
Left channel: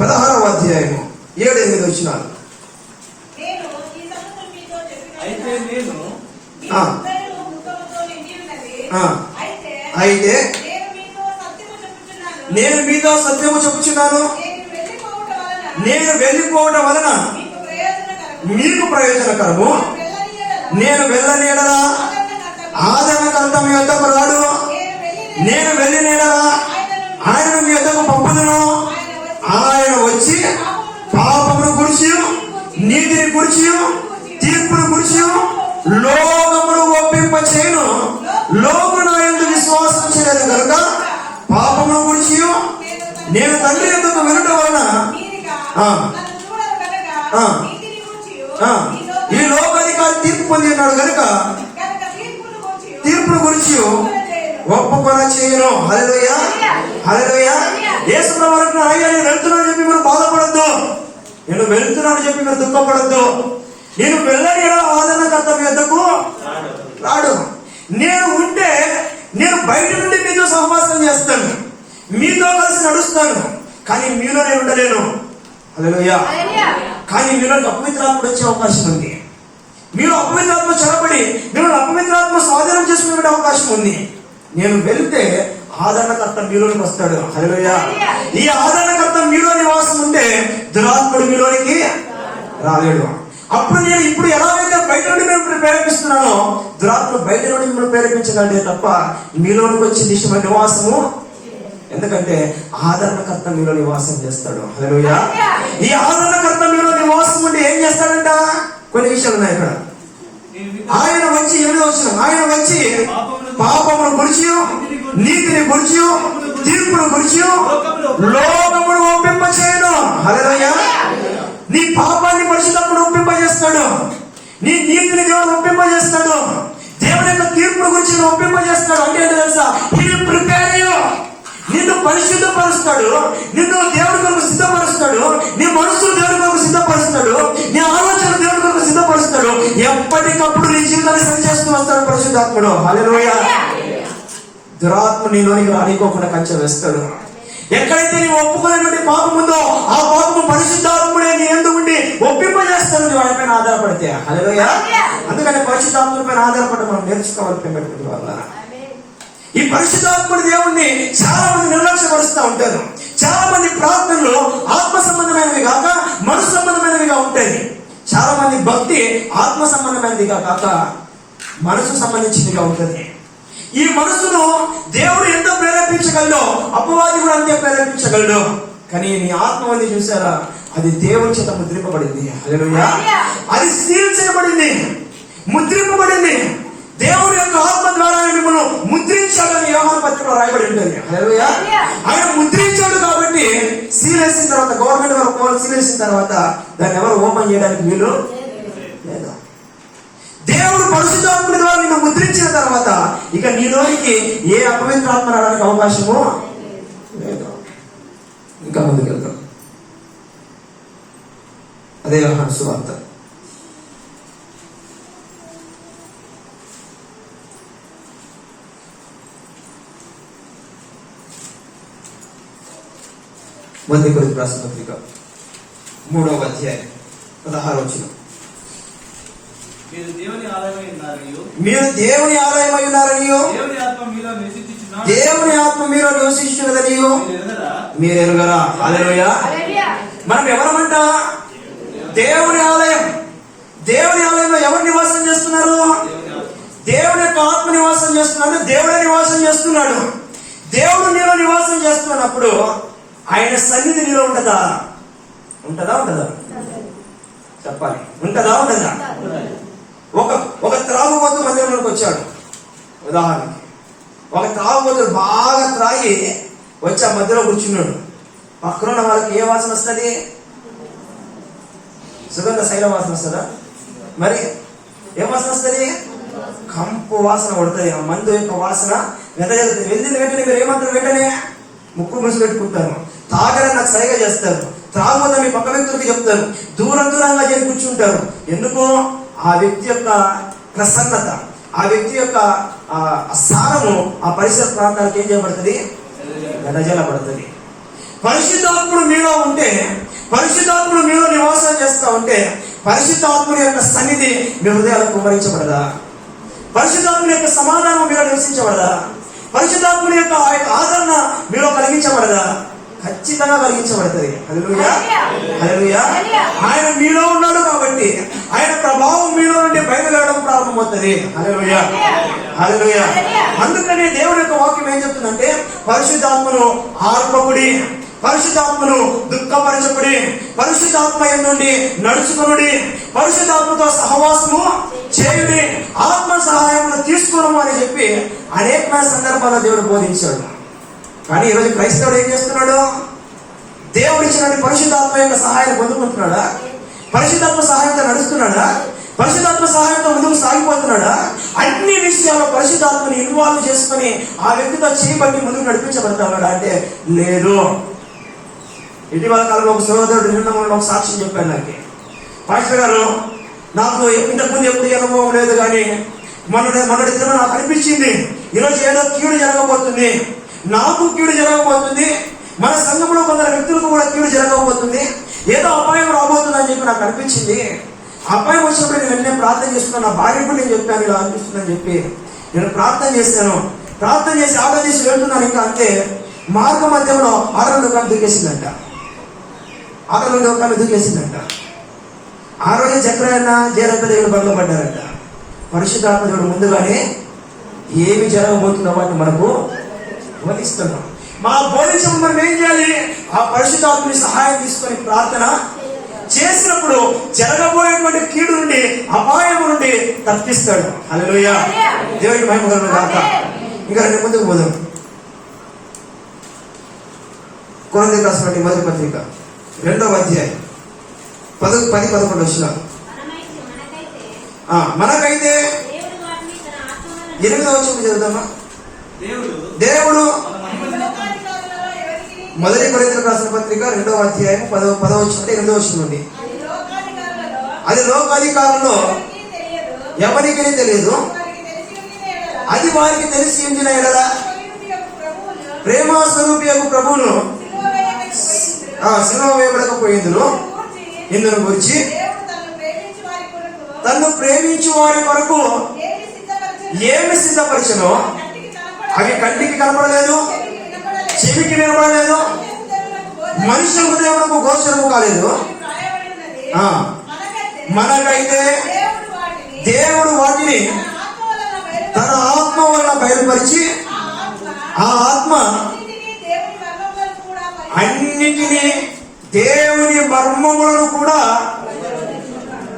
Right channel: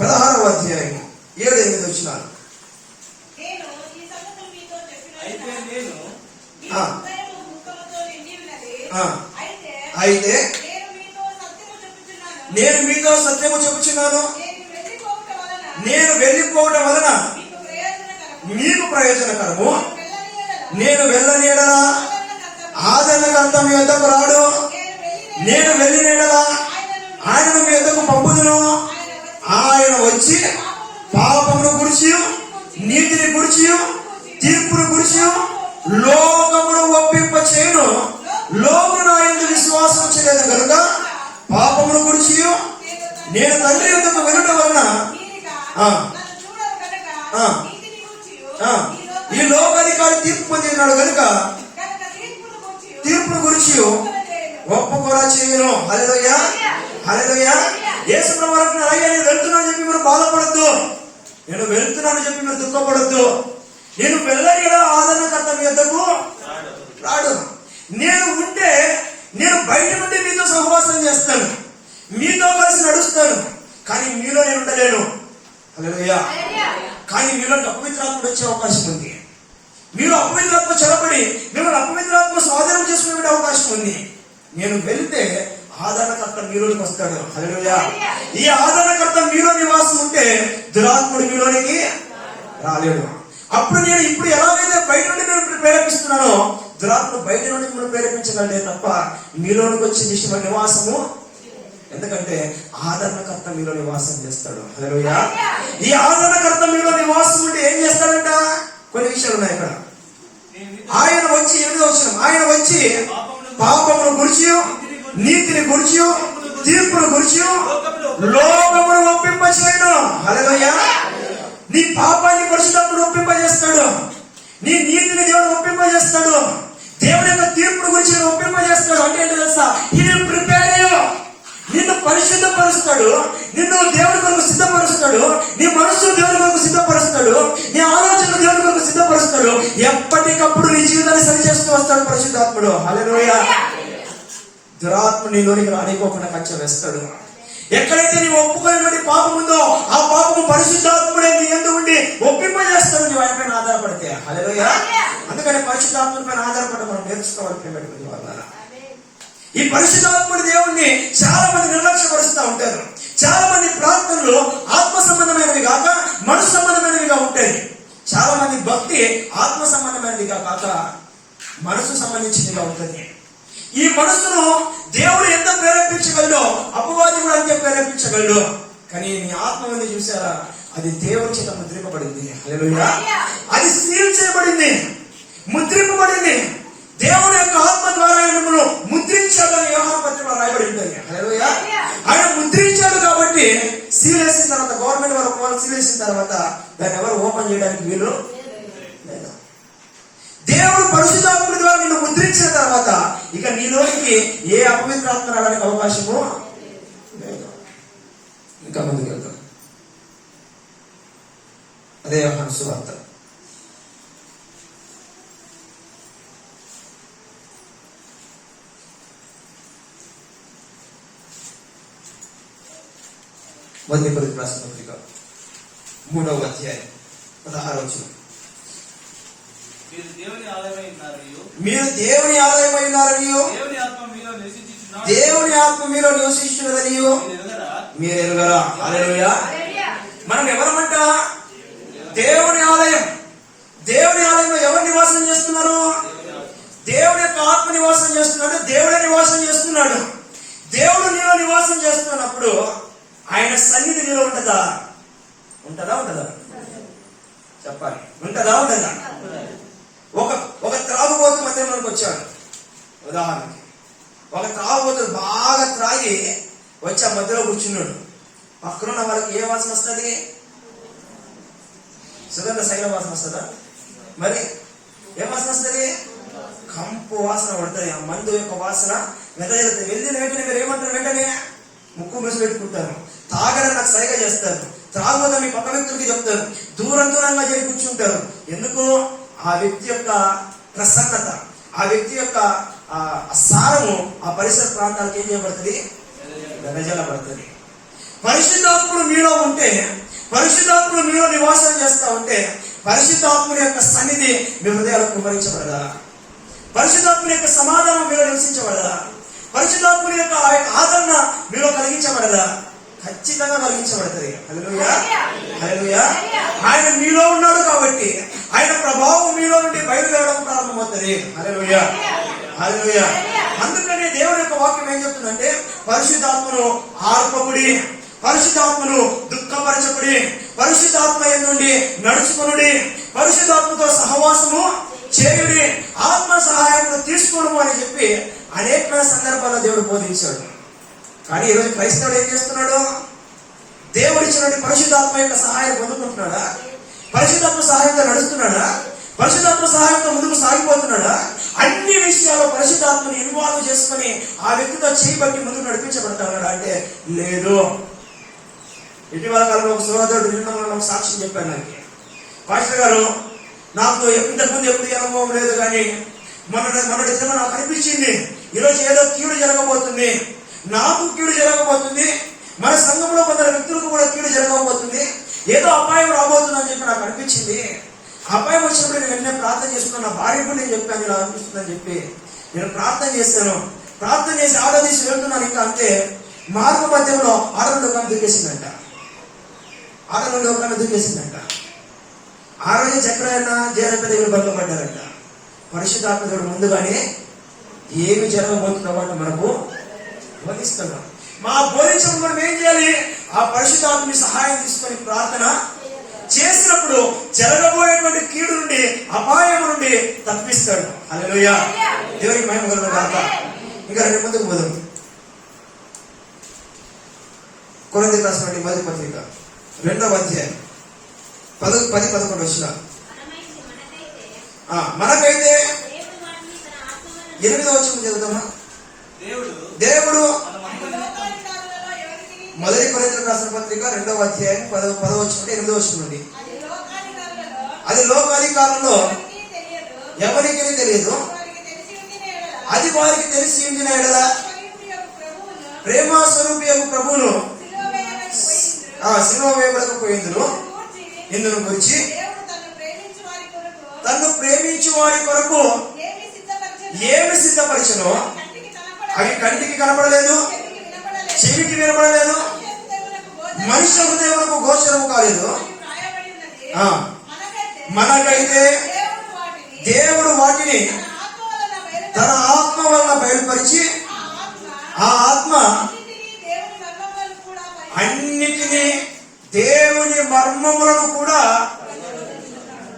16వ అధ్యాయము 7-8 వచనాలు. అయితే నేను మీతో సత్యము చెప్పుచున్నాను. నేను వెళ్ళిపోవటం వలన మీకు ప్రయోజనకరము. నేను వెళ్ళని యెడల ఆదరణకర్త మీ వద్దకు రాడు. నేను వెళ్ళిన యెడల ఆయన మీ వద్దకు పంపుదును. ఆయన వచ్చి పాపమును గురించి, నీతిని గురించి, తీర్పును గురించి లోకమును ఒప్పింపచేయును. లోకము నా యందు విశ్వాసం చేయలేదు కనుక పాపమును గురించి నేను తండ్రి యొద్దకు వెళ్ళడం వలన ఈ లోకాధికారి తీర్పు పొంది ఉన్నాడు కనుక తీర్పును గురించి ఒప్పుకొన చేయను. హల్లెలూయా. హల్లెలూయా. యేసుప్రభు వరకు అయ్యా నేను వెళ్తున్నాను చెప్పి మీరు బాధపడద్దు. నేను వెళ్తున్నాను చెప్పి మీరు దుఃఖపడద్దు. నేను వెళ్ళని ఆదరణకర్త మీ వద్దకు రాడు. నేను ఉంటే నేను బయట నుండి మీతో సహవాసం చేస్తాను, మీతో కలిసి నడుస్తాను, కానీ మీలో నేను ఉండలేను. హల్లెలూయా. కానీ మీలో అపవిత్రాత్ముడు వచ్చే అవకాశం ఉంది. మీరు అపవిత్రాత్మ చొరబడి మిమ్మల్ని అపవిత్రాత్మ స్వాధీనం చేసుకునే అవకాశం ఉంది. నేను వెళ్తే ఆదరణకర్త మీలోనికి వస్తాడు. హల్లెలూయా. ఈ ఆదరణకర్త మీలో నివాసం ఉంటే దురాత్ముడు మీలోనికి రాలేడు. అప్పుడు నేను ఇప్పుడు ఎలాగైతే బయట నుండి మిమ్మల్ని ప్రేరేపిస్తున్నానో దురాత్మ బయట నుండి మిమ్మల్ని ప్రేరేపించగలే తప్ప మీలోనికి వచ్చి నిశ్చయమైన నివాసము. ఎందుకంటే ఆదరణకర్త మీలో నివాసం చేస్తాడు. హల్లెలూయా. ఈ ఆదరణకర్త మీలో నివాసం ఉండి ఏం చేస్తాడంట? కొన్ని విషయాలు ఉన్నాయి ఇక్కడ. ఆయన వచ్చి ఆయన వచ్చి పాపమును గురించి, నీతిని గురించి, తీర్పును గురించి లోకమును ఒప్పింపచేయను. హల్లెలూయా. నీ పాపాన్ని పరిశుద్ధాత్ముడు ఒప్పింపజేస్తాడు. నీ నీతిని దేవుడు ఒప్పింపజేస్తాడు. దేవుని యొక్క తీర్పును గురించి ఒప్పింపజేస్తాడు. అంటే ఏంటో తెలుసా? నిన్ను పరిశుద్ధపరుస్తాడు. నిన్ను దేవుడి కొరకు సిద్ధపరుస్తాడు. నీ మనసు దేవుడి కొరకు సిద్ధపరుస్తాడు. నీ ఆలోచన దేవుడి కొరకు సిద్ధపరుస్తాడు. ఎప్పటికప్పుడు నీ జీవితాన్ని సరిచేస్తూ వస్తాడు పరిశుద్ధాత్ముడు. హల్లెలూయా. దురాత్మ నీలోనికి రానికోకుండా కంచె వేస్తాడు. ఎక్కడైతే నీవు ఒప్పుకునేటువంటి పాపం ఉందో ఆ పాపము పరిశుద్ధాత్ముడే నీ యందు ఉండి ఒప్పింపజేస్తాడు నువ్వు ఆయన పైన ఆధారపడితే. హల్లెలూయా. అందుకని పరిశుద్ధాత్ముడి పైన ఆధారపడి మనం నేర్చుకోవాలి. పెట్టుకునే వల్ల ఈ పరిశుద్ధాత్ముడి దేవుణ్ణి చాలా మంది నిర్లక్ష్యపరుస్తూ ఉంటారు. చాలా మంది ప్రార్థనలు ఆత్మ సంబంధమైనది కాక మనసు సంబంధమైనదిగా ఉంటాయి. చాలా మంది భక్తి ఆత్మ సంబంధమైనదిగా కాక మనసు సంబంధించినదిగా ఉంటుంది. ఈ మనసును దేవుడు ఎంత ప్రేరేపించగలడో అపవాది కూడా అంతే ప్రేరేపించగలడు. కానీ నీ ఆత్మ ఉంది చూసారా, అది దేవుని చేత ముద్రింపబడింది. హల్లెలూయా. అది సీల్ చేయబడింది, ముద్రింపబడింది. దేవుడి యొక్క ఆత్మ ద్వారా మిమ్మల్ని ముద్రించాలని యోహాను పత్రికలో రాయబడి ఉంటుంది. హల్లెలూయా. ఆయన ముద్రించాడు కాబట్టి సీల్ వేసిన తర్వాత గవర్నమెంట్ వారు సీల్ వేసిన తర్వాత దాన్ని ఎవరు ఓపెన్ చేయడానికి వీలు లేదు. దేవుడు పరిశుద్ధాత్ముడి ద్వారా నిన్ను ముద్రించిన తర్వాత ఇక నీలోనికి ఏ అపవిత్రాత్మ రావడానికి అవకాశము లేదు. ఇంకా ముందుకు వెళ్తాం. అదే యోహాను సువార్త. మొదటి కొరింథీయులకు రాసిన పత్రిక 3వ అధ్యాయం 16వ వచనం. మీరు దేవుని ఆలయమై ఉన్నారనియు, దేవుని ఆత్మ మీలో నివసించున్నదనియు మీరు ఎరుగరా. హల్లెలూయా. మనం ఎవరమంట? దేవుని ఆలయం. దేవుని ఆలయంలో ఎవరు నివాసం చేస్తున్నారు? దేవుని యొక్క ఆత్మ నివాసం చేస్తున్నాడు. దేవుడే నివాసం చేస్తున్నాడు. దేవుడు నీలో నివాసం చేస్తున్నప్పుడు ఆయన సన్నిధి నీలో ఉంటదా? ఉంటదా? చెప్పాలి. ఉంటదా? ఒక త్రాగుబోతు మందిరంలోకి వచ్చాడు. ఉదాహరణకి ఒక త్రాగుబోతుడు బాగా త్రాగి వచ్చి ఆ మధ్యలో కూర్చున్నాడు. పక్కన ఉన్న వాళ్ళకి ఏ వాసన వస్తుంది? సుగంధ శైల వాసన వస్తుందా? మరి ఏ వాసన వస్తుంది? కంపు వాసన పడుతుంది. ఆ మందు యొక్క వాసన వెదజల్లుతుంది. వెళ్ళిన వెంటనే మీరు ఏమంటారు? వెంటనే ముక్కు ముసు పెట్టుకుంటారు. తాగని నాకు సరిగా చేస్తారు. త్రాగుబోత మీ పక్క వ్యక్తులకి చెప్తారు. దూరంగా చేసి కూర్చుంటారు. ఎందుకు? ఆ వ్యక్తి యొక్క ప్రసన్నత, ఆ వ్యక్తి యొక్క స్థానము ఆ పరిసర ప్రాంతాలకు ఏం చేయబడుతుంది? వెదజల్లబడుతుంది. పరిశుద్ధాత్ముడు మీలో ఉంటే, పరిశుద్ధాత్ముడు మీలో నివాసం చేస్తా ఉంటే పరిశుద్ధాత్ముడి యొక్క సన్నిధి మీ హృదయాలకు కుమరించబడదా? పరిశుద్ధాత్ముడి యొక్క సమాధానం మీలో నివసించబడదా? పరిశుద్ధాత్ముడి యొక్క ఆ యొక్క ఆదరణ మీలో కలిగించబడదా? ఖచ్చితంగా కలిగించబడుతుంది. హల్లెలూయా, హల్లెలూయా. ఆయన మీలో ఉన్నాడు కాబట్టి ఆయన ప్రభావం మీలో నుండి బయలుదేరడం ప్రారంభమవుతుంది. హల్లెలూయా, హల్లెలూయా. అందుకనే దేవుని యొక్క వాక్యం ఏం చెప్తుందంటే, పరిశుద్ధాత్మను ఆర్పకుడి, పరిశుద్ధాత్మను దుఃఖపరచకుడి, పరిశుద్ధాత్మ నుండి నడుచుకునుడి, పరిశుద్ధాత్మతో సహవాసము చేయుడి, ఆత్మ సహాయమును తీసుకోవడం అని చెప్పి అనేక సందర్భాల్లో దేవుడు బోధించాడు. కానీ ఈరోజు క్రైస్తవుడు ఏం చేస్తున్నాడు? దేవుడిచ్చిన పరిశుద్ధాత్మ యొక్క సహాయాన్ని పొందుకుంటున్నాడా? పరిశుద్ధాత్మ సహాయంతో నడుస్తున్నాడా? పరిశుద్ధాత్మ సహాయంతో ముందుకు సాగిపోతున్నాడా? అన్ని విషయాల్లో పరిశుద్ధాత్మని ఇన్వాల్వ్ చేసుకుని ఆ వ్యక్తితో చేయబట్టి ముందుకు నడిపించబడతాడా అంటే లేదు. ఇటీవల కాలంలో ఒక సోదరుడు నిన్న ఒక సాక్ష్యం చెప్పాడు నాకు. పాస్టర్ గారు, నాకు ఇంతకుముందు ఎప్పుడు అనుభవం లేదు, కానీ మొన్నటి దినం నాకు అనిపించింది ఈరోజు ఏదో కీడు జరగబోతుంది, నాకు కీడు జరగబోతుంది, మన సంఘంలో కొందరు వ్యక్తులకు కూడా కీడు జరగబోతుంది, ఏదో అపాయం రాబోతుంది అని చెప్పి నాకు అనిపించింది. అపాయం వచ్చినప్పుడు నేను వెంటనే ప్రార్థన చేస్తున్నాను. నా భార్యకు నేను చెప్పాను ఇలా అనిపిస్తుందని చెప్పి నేను ప్రార్థన చేశాను. ప్రార్థన చేసి ఆటో తీసి వెళ్తున్నాను. ఇంకా అంతే మార్గ మధ్యంలో ఆటో లోకాన్ని దూకేసిందంట. ఆటో లోకాన్ని దూకేసిందంట. ఆ రోజు చక్రయన్న జయరంత దేవుడు బండ్లు పడ్డారంట. పరిశుద్ధాత్మ దేవుడు ముందుగానే ఏమి జరగబోతుందో వాటిని మనకు బోధిస్తున్నాం. మా బోధించడం మనం ఏం చేయాలి? ఆ పరిశుద్ధాత్మని సహాయం తీసుకొని ప్రార్థన చేసినప్పుడు జరగబోయేటువంటి కీడు నుండి, అపాయం నుండి తప్పిస్తాడు. హల్లెలూయా, దేవుడికి మహిమ కలుగును గాక. ఇంకా రెండు ముందుకు పోదాం. కొరింథీయులకు రాసిన మొదటి పత్రిక 2వ అధ్యాయం 10-11 వచనాలు. మనకైతే 8వ వచనం చదువుతామా? దేవుడు మొదటి కొరింథీయులకు రాసిన పత్రిక 2వ అధ్యాయం 10వ వచనం నుండి 8వ వచనం నుండి. అది లోకాధికారంలో ఎవరికి తెలియదు, అది వారికి తెలిసి ఉండిన ఎడల ప్రేమ స్వరూపి ప్రభువును సిలువ వేయబడకపోయిందును ఇందును గురించి తన్ను ప్రేమించు వారి కొరకు ఏమి సిద్ధపరిచనో అవి కంటికి కనపడలేదు, చెవికి వినపడలేదు, మనుష్య హృదయములకు గోచరము కాలేదు. మనకైతే దేవుడు వాటిని తన ఆత్మ వలన బయలుపరిచి, ఆ ఆత్మ అన్నిటినీ దేవుని మర్మములను కూడా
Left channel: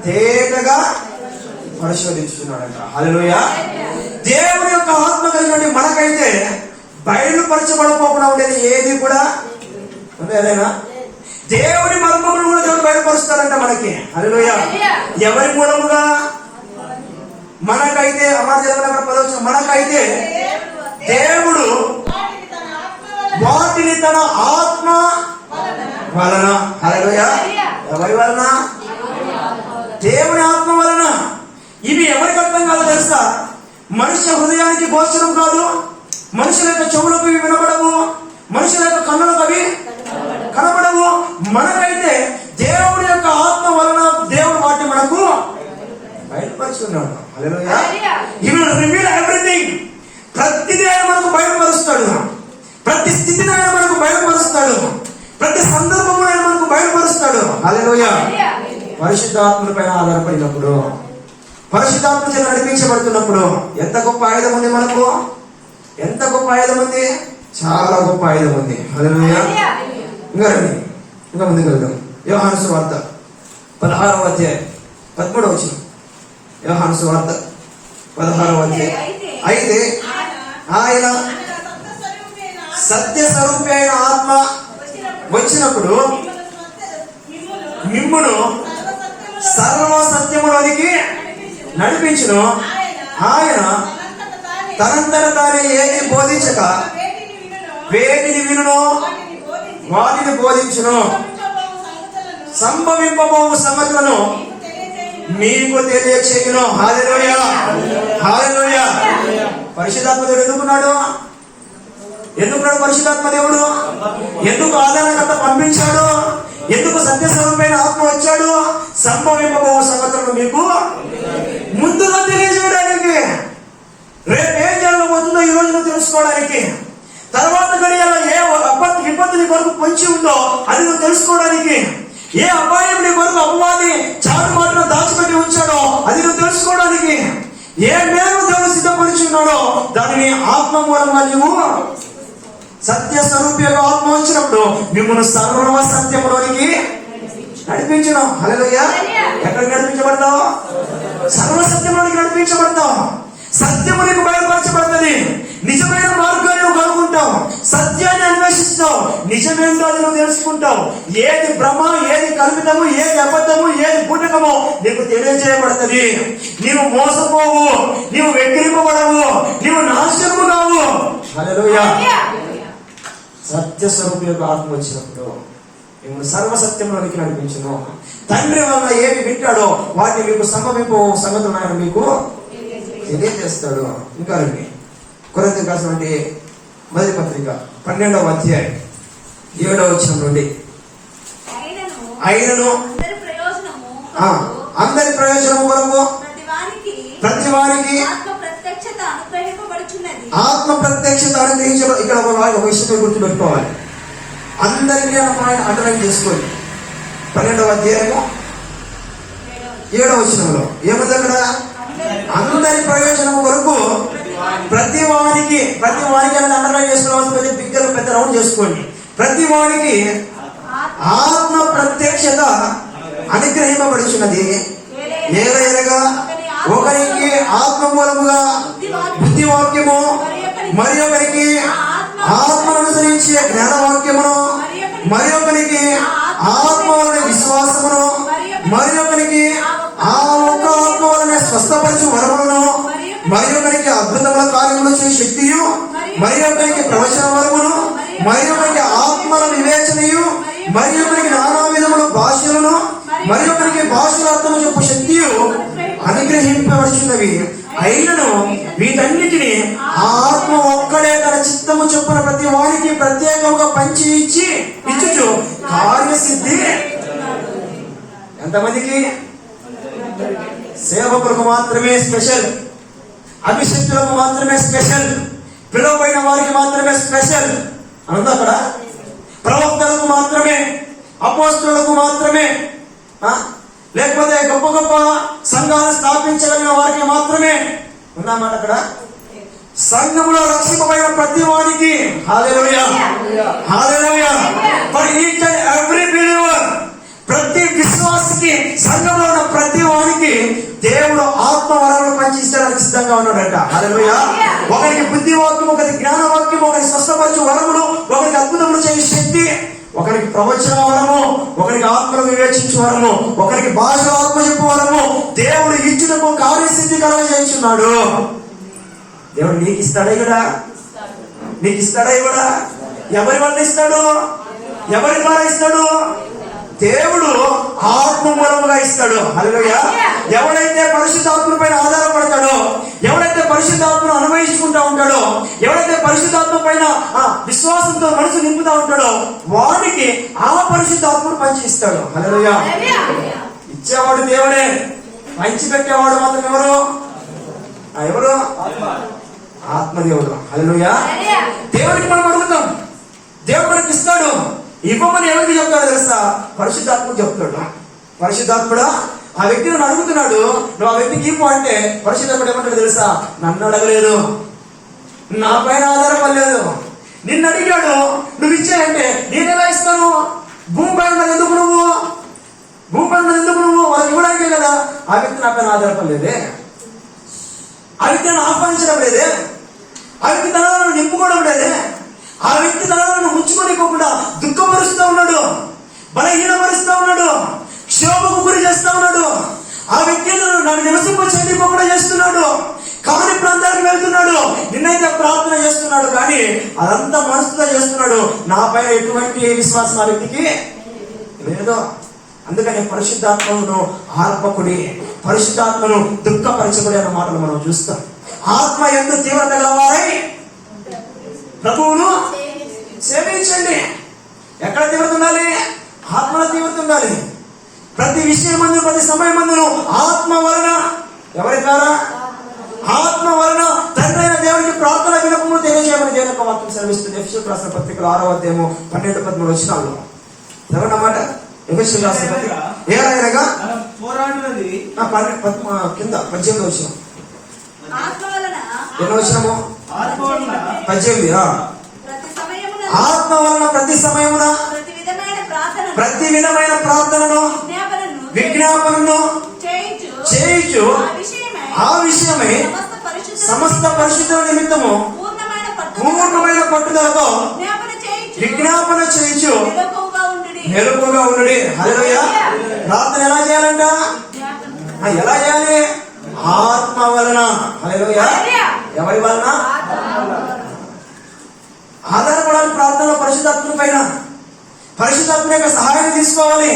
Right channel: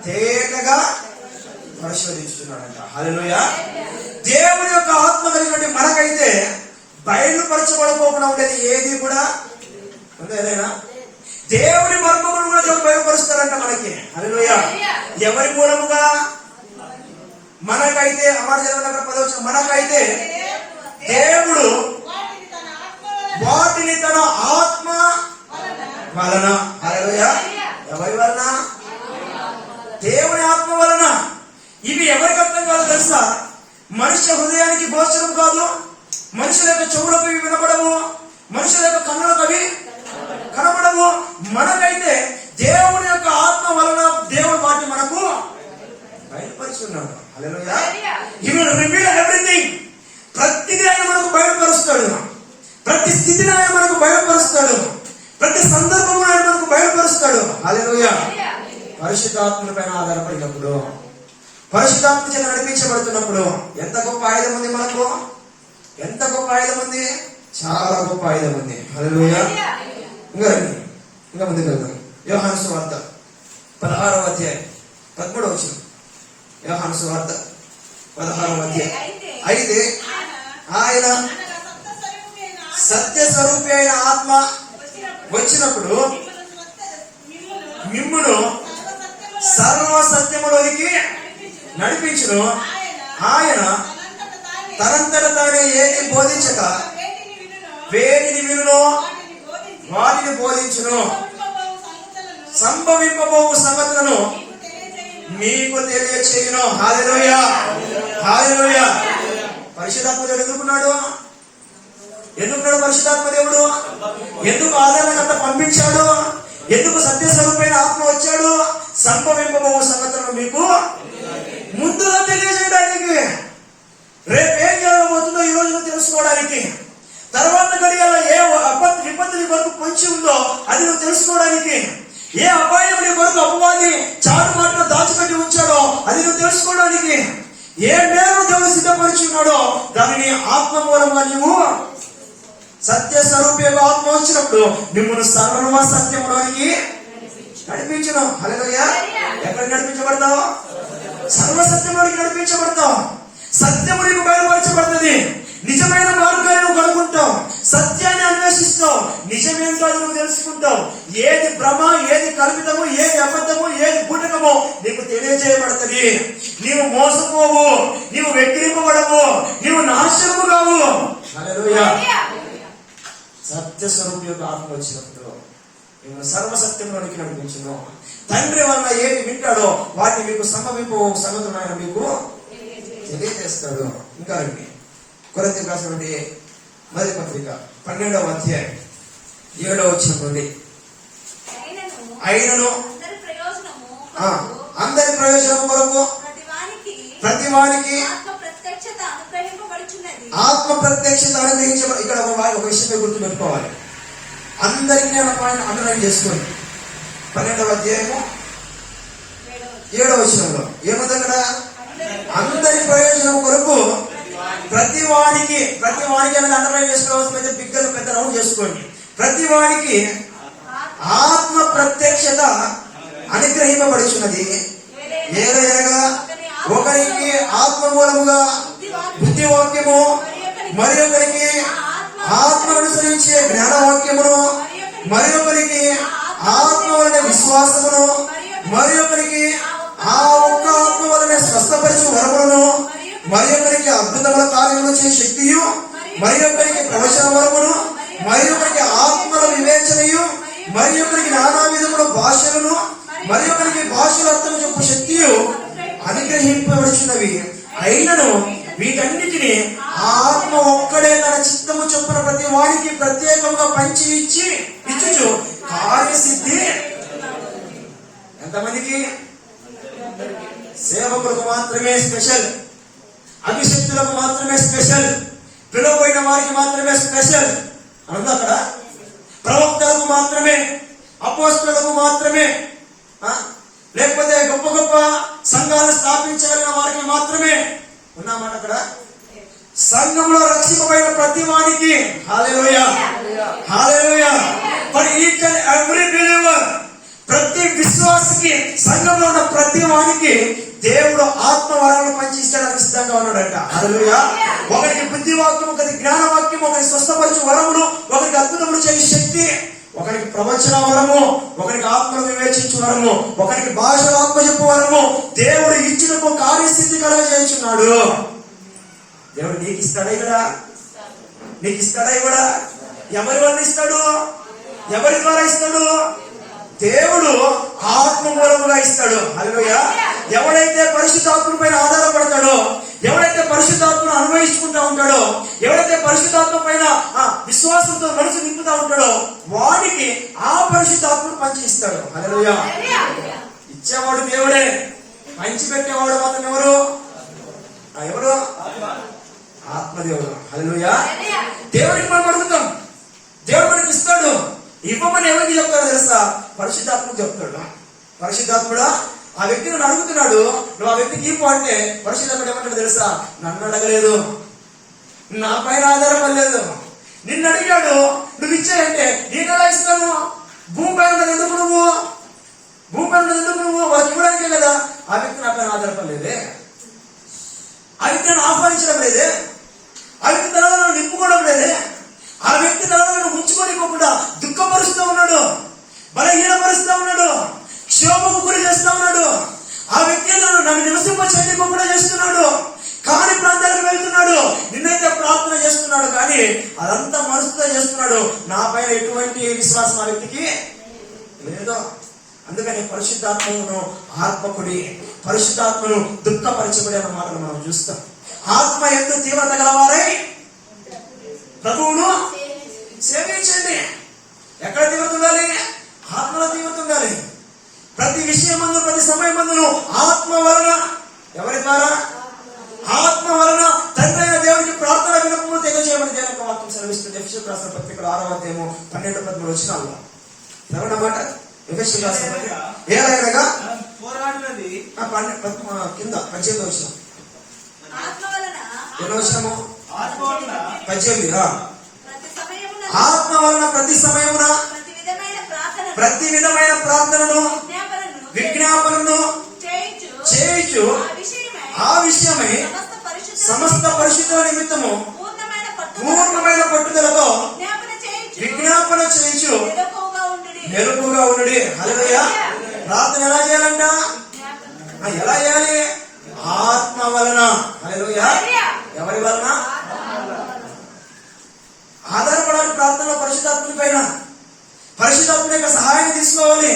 తేటగా పరిశోధించుతున్నాడంట. హల్లెలూయా. దేవుని యొక్క ఆత్మ కలిగినటువంటి మనకైతే బయలుపరచబడపోకుండా ఉండేది ఏది కూడా ఉందేనా? దేవుని మర్మములు కూడా దేవుడు బయలుపరుస్తాడంట మనకి. హల్లెలూయా. ఎవరి మూలముగా? మనకైతే మనకైతే దేవుడు వాటిని తన ఆత్మ వలన. హల్లెలూయా. ఎవరి వలన? మనుష్య హృదయానికి గోచరం కాదు, మనుషుల యొక్క చెవులకు ఇవి వినపడవు, మనుషుల యొక్క కన్నులకు అవి కనబడవు. మనకైతే దేవుడి యొక్క ఆత్మ వలన దేవుడు వాటిని మనకు బయటపరుస్తున్నాడు. హల్లెలూయా. He will reveal everything. ప్రతిదీ ఆయన మనకు బయటపరుస్తాడు, ప్రతి స్థితిని ఆయన మనకు బయటపరుస్తాడు, ప్రతి సందర్భము ఆయన మనకు బయటపరుస్తాడు. హల్లెలూయా. పరిశుద్ధాత్మ పైన ఆధారపడినప్పుడు, పరిశుద్ధాత్మ చేత నడిపించబడుతున్నప్పుడు ఎంత గొప్ప ఆయుధం ఉంది మనకు, ఎంత గొప్ప ఆయుధం ఉంది, చాలా గొప్ప ఆయుధం ఉంది. హల్లెలూయా. ఇంకా రండి, ఇంకా ముందుకు వెళ్దాం. యోహాను సువార్త 16వ అధ్యాయం 13వ వచనం. యోహాను సువార్త 16వ అధ్యాయం. అయితే ఆయన సత్య స్వరూపి అయిన ఆత్మ వచ్చినప్పుడు మిమ్మును సర్వ సత్యములోనికి నడిపించును. ఆయన తనంతట తానే ఏది బోధించక వేటిని వినును వాటిని బోధించును. సంభవింపబో సంగతులను మీకు తెలియచేయును. హల్లెలూయా. హల్లెలూయా. పరిశుద్ధాత్మ దేవుడు ఎందుకున్నాడు? ఎందుకున్నాడు పరిశుద్ధాత్మ దేవుడు? ఎందుకు ఆధారకర్త పంపించాడు? ఎందుకు సత్యస్వరూపమైన ఆత్మ వచ్చాడు? సంభవింపబో సంగతులను మీకు ముందుగా తెలియజేయడానికి, రేపు ఏం జరగబోతుందో ఈ రోజు తెలుసుకోవడానికి, తర్వాత గడియలో ఏ విపత్తు నీ కొరకు పొంచి ఉందో అది నువ్వు తెలుసుకోవడానికి, ఏ అపాయం నీ కొరకు అపవాది చాటు మాటను దాచిపెట్టి ఉంచాడో అది నువ్వు తెలుసుకోవడానికి, ఏ మేలు దేవుడు సిద్ధపరిచున్నాడో దానిని ఆత్మ మూలంగా నీవు సత్య స్వరూపిగా ఆత్మ వచ్చినప్పుడు మిమ్మల్ని సర్వ సత్యములోనికి నడిపించను. హల్లెలూయా. ఎక్కడికి నడిపించబడతావు? సర్వ సత్యంలోనికి నడిపించబడతావు. సత్యము నీకు బయలుపరచబడుతుంది. నిజమైన మార్గాన్ని నువ్వు కనుక్కుంటావు, సత్యాన్ని అన్వేషిస్తావు, నిజమేంటో అది నువ్వు తెలుసుకుంటావు. ఏది భ్రమ, ఏది కల్పితము, ఏది అబద్ధము, ఏది బూటకమో నీకు తెలియజేయబడుతుంది. నీవు మోసపోవు, నీవు వెక్కిరింపబడవు, నీవు నాశనము కావు. హల్లెలూయా. సత్య స్వరూపి యొక్క ఆత్మ వచ్చినప్పుడు మిమ్మల్ని సర్వసత్యంలోనికి నడిపించును. తండ్రి వల్ల ఏది వింటాడో వాటిని మీకు సంభవింపు సంగతులు ఆయన మీకు తెలియజేస్తాడు. ఇంకా రండి, కొరింథీయులకు రాసినటువంటి మొదటి పత్రిక 12వ అధ్యాయం 7వ వచనం నుండి. అయినను అందరి ప్రయోజనము కొరకు ప్రతి వానికి ఆత్మ ప్రత్యక్షత అనుగ్రహించబడి. ఇక్కడ ఒక విషయం గుర్తుపెట్టుకోవాలి. అందరికీ ఆయన అండర్లైన్ చేసుకోండి. 12వ అధ్యాయము 7వ వచనంలో ఏముంది అక్కడ? అందరి ప్రయోజనం కొరకు ప్రతి వానికి అనేది అండర్లైన్ చేసుకోవాల్సిన బిగ్గర పెద్ద రౌండ్ చేసుకోండి. ప్రతి వానికి ఆత్మ ప్రత్యక్షత అనుగ్రహింపబడుచున్నది. ఏదైనా ఒకరికి ఆత్మ మూలముగా బుద్ధివాక్యము, మరి ఒకరికి ఆత్మను అనుసరించే జ్ఞానవాక్యమును, మరి ఒకరికి ఆత్మ వలన విశ్వాసమును, మరి ఒకరికి ఆ ఒక్క ఆత్మ వలన స్వస్థపరచు వరములను, మరి ఒకరికి అద్భుతముల కార్యములు చేసే శక్తియు, మరి ఒకరికి ప్రవచన వరమును, మరి ఒకరికి ఆత్మల వివేచనయు, మరి ఒకరికి నానా విధముల భాషలను, మరి ఒకరికి భాషల అర్థము చెప్పు శక్తియు అనుగ్రహింపబడుచున్నవి. అయినను వీటన్నిటిని ఆత్మ ఒక్కడే తన చిత్తము చొప్పున ప్రతి వాడికి ప్రత్యేకంగా పంచి ఇచ్చుచు కార్యసిద్ధి. ఎంతమందికి? సేవకులకు మాత్రమే స్పెషల్, అభిషక్తులకు మాత్రమే స్పెషల్, పిలువబడిన వారికి మాత్రమే స్పెషల్ అనుంది అక్కడ. ప్రవక్తలకు మాత్రమే, అపోస్తలులకు మాత్రమే, లేకపోతే గొప్ప గొప్ప సంఘాలు స్థాపించగలిగిన వారికి మాత్రమే ఉన్నామాట అక్కడ. సంఘంలో రక్షింపబడిన ప్రతి వానికి hallelujah, hallelujah. For each and every believer, ప్రతి విశ్వాసికి, సంఘంలో ఉన్న ప్రతి వానికి దేవుడు ఆత్మ వరములు పంచిస్తానికి సిద్ధంగా ఉన్నాడట. హల్లెలూయా. ఒకరికి బుద్ధివాక్యం, ఒకరికి జ్ఞానవాక్యం, ఒకరికి స్వస్థపరచు వరములు, ఒకరికి అద్భుతములు చేసే శక్తి, ఒకరికి ప్రవచన వరము, ఒకరికి ఆత్మను వివేచించు వరము, ఒకరికి భాషలో ఆత్మ చెప్పు వరము దేవుడు ఇచ్చుటకు కార్యసిద్ధి కలగజేస్తున్నాడు. దేవుడు నీకు ఇస్తాడా కూడా? నీకు ఇస్తాడా కూడా? ఎవరి వల్ల ఇస్తాడు? ఎవరి ద్వారా ఇస్తాడు? దేవుడు ఆత్మ మూలముగా ఇస్తాడు. హల్లెలూయా. ఎవడైతే పరిశుద్ధాత్మ పైన ఆధారపడతాడో, ఎవడైతే పరిశుద్ధాత్మను అనుభవించుకుంటా ఉంటాడో, ఎవడైతే పరిశుద్ధాత్మ పైన విశ్వాసంతో మనసు నింపుతా ఉంటాడో వాడికి ఆ పరిశుద్ధాత్మను పంచి ఇస్తాడు. హల్లెలూయా. ఇచ్చేవాడు దేవుడే, పంచి పెట్టేవాడు మాత్రం ఎవరు? ఎవరు? ఆత్మదేవుడు. హల్లెలూయా. దేవుడికి మనం అడుగుతాం, దేవుడు మనకి ఇస్తాడు. ఇవ్వమని ఎవరికి చెప్తాడు తెలుసా? పరిశుద్ధాత్మకు చెప్తాడు. పరిశుద్ధాత్ముడా ఆ వ్యక్తి నన్ను అడుగుతున్నాడు, నువ్వు ఆ వ్యక్తికి ఇవ్వు అంటే పరిశుద్ధాత్ముడు ఏమంటాడు తెలుసా? నన్ను అడగలేదు, నా పైన ఆధారపడలేదు, నిన్ను అడిగాడు, నువ్వు ఇచ్చాయంటే నేను ఎలా ఇస్తాను? భూమి పైన ఎందుకు నువ్వు వాళ్ళకి ఇవ్వడానికే కదా. ఆ వ్యక్తి నా పైన ఆధారపడలేదే, ఆ వ్యక్తి నన్ను ఆహ్వానించడం లేదే, ఆ వ్యక్తి తనను నింపుకోవడం లేదే, ఆ వ్యక్తి తనను ఉంచుకోనివ్వకుండా దుఃఖపరుస్తూ ఉన్నాడు, బలహీనపరుస్తూ ఉన్నాడు, క్షోభకు గురి చేస్తా ఉన్నాడు. ఆ వ్యక్తి నన్ను నివసింప చేయకుండా చేస్తున్నాడు, కాని ప్రాంతానికి వెళ్తున్నాడు, నిన్నైతే ప్రార్థన చేస్తున్నాడు, కానీ అదంతా మనసుతో చేస్తున్నాడు. నాపై ఎటువంటి విశ్వాసం ఆ వ్యక్తికి లేదో. అందుకని పరిశుద్ధాత్మను ఆర్పకుడి, పరిశుద్ధాత్మను దుఃఖపరచకుడి అన్న మాటలు మనం చూస్తాం. ఆత్మ ఎంత తీవ్రత గలవారై ప్రభువును సేవించండి. ఎక్కడ తీవ్రత ఉండాలి? ఆత్మలో తీవ్రత ఉండాలి. ప్రతి విషయమందు, ప్రతి సమయమందును ఆత్మ వలన, ఎవరి ద్వారా? ఆత్మ వలన తండ్రి అయిన దేవుడికి ప్రార్థన వినపములు తెలియజేయమని దేవుని యొక్క వాక్యం సెలవిస్తుంది. ఎఫెసీయులకు రాసిన పత్రికలో 6వ అధ్యాయము 12-13 వచనాల్లో అన్నమాట. ఎఫెసీయులకు రాసిన పత్రిక ఏలైనగా పోరాడినది కింద 18వ వచనం. ఎన్నో వచనము? 18. ఆత్మ వలన ప్రతి సమయమున ప్రతి విధమైన ప్రార్థనను విజ్ఞాపనను చేయించు ఆ విషయమై సమస్త పరిశుద్ధుల నిమిత్తము పూర్ణమైన పట్టుదలతో విజ్ఞాపన చేయించు మెలకువగా ఉండుడి. హల్లెలూయా. ప్రార్థన ఎలా చేయాలంట? ఎలా చేయాలి? ఆత్మ వలన. హల్లెలూయా. ఎవరి వలన? ఆధారపడాలి ప్రార్థనలో పరిశుద్ధాత్మ పైన. పరిశుద్ధాత్మ యొక్క సహాయాన్ని తీసుకోవాలి.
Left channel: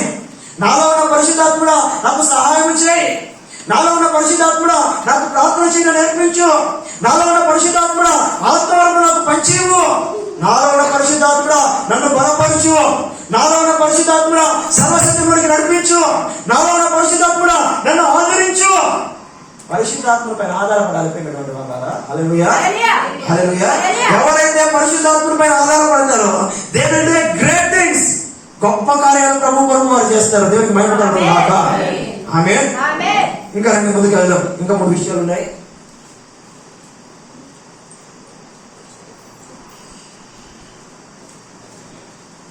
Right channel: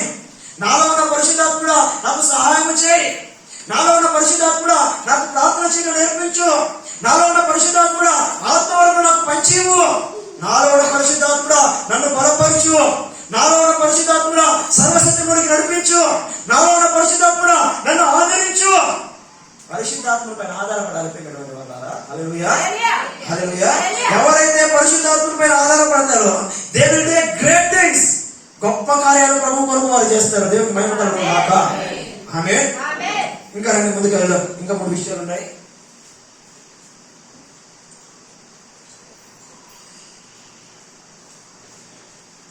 నాలో ఉన్న పరిశుద్ధాత్ముడా నాకు సహాయం చేయి, నాలో ఉన్న పరిశుద్ధాత్ముడా నాకు ప్రార్థన చేయడం నేర్పించు, నాలో ఉన్న పరిశుద్ధాత్ముడా ఆత్మవరకు నాకు పంచివు, నాలో ఉన్న పరిశుద్ధాత్ముడా నన్ను బలపరచు, నాలో ఉన్న పరిశుద్ధాత్ముడా సర్వసత్యమునికి నడిపించు, నాలో ఉన్న పరిశుద్ధాత్ముడా నన్ను ఆదరించు. పరిశుద్ధాత్మ పైన ఆధారపడాలి. హల్లెలూయా. హల్లెలూయా. ఎవరైతే పరిశుద్ధాత్మ పైన ఆధారపడతారో they will do great things. గొప్ప కార్యాలు ప్రభు కొరకు వారు చేస్తారు. దేవునికి మహిమ కలుగును గాక. ఆమేన్. ఇంకా రండి ముందుకు వెళ్దాం. ఇంకా 3 విషయాలు ఉన్నాయి.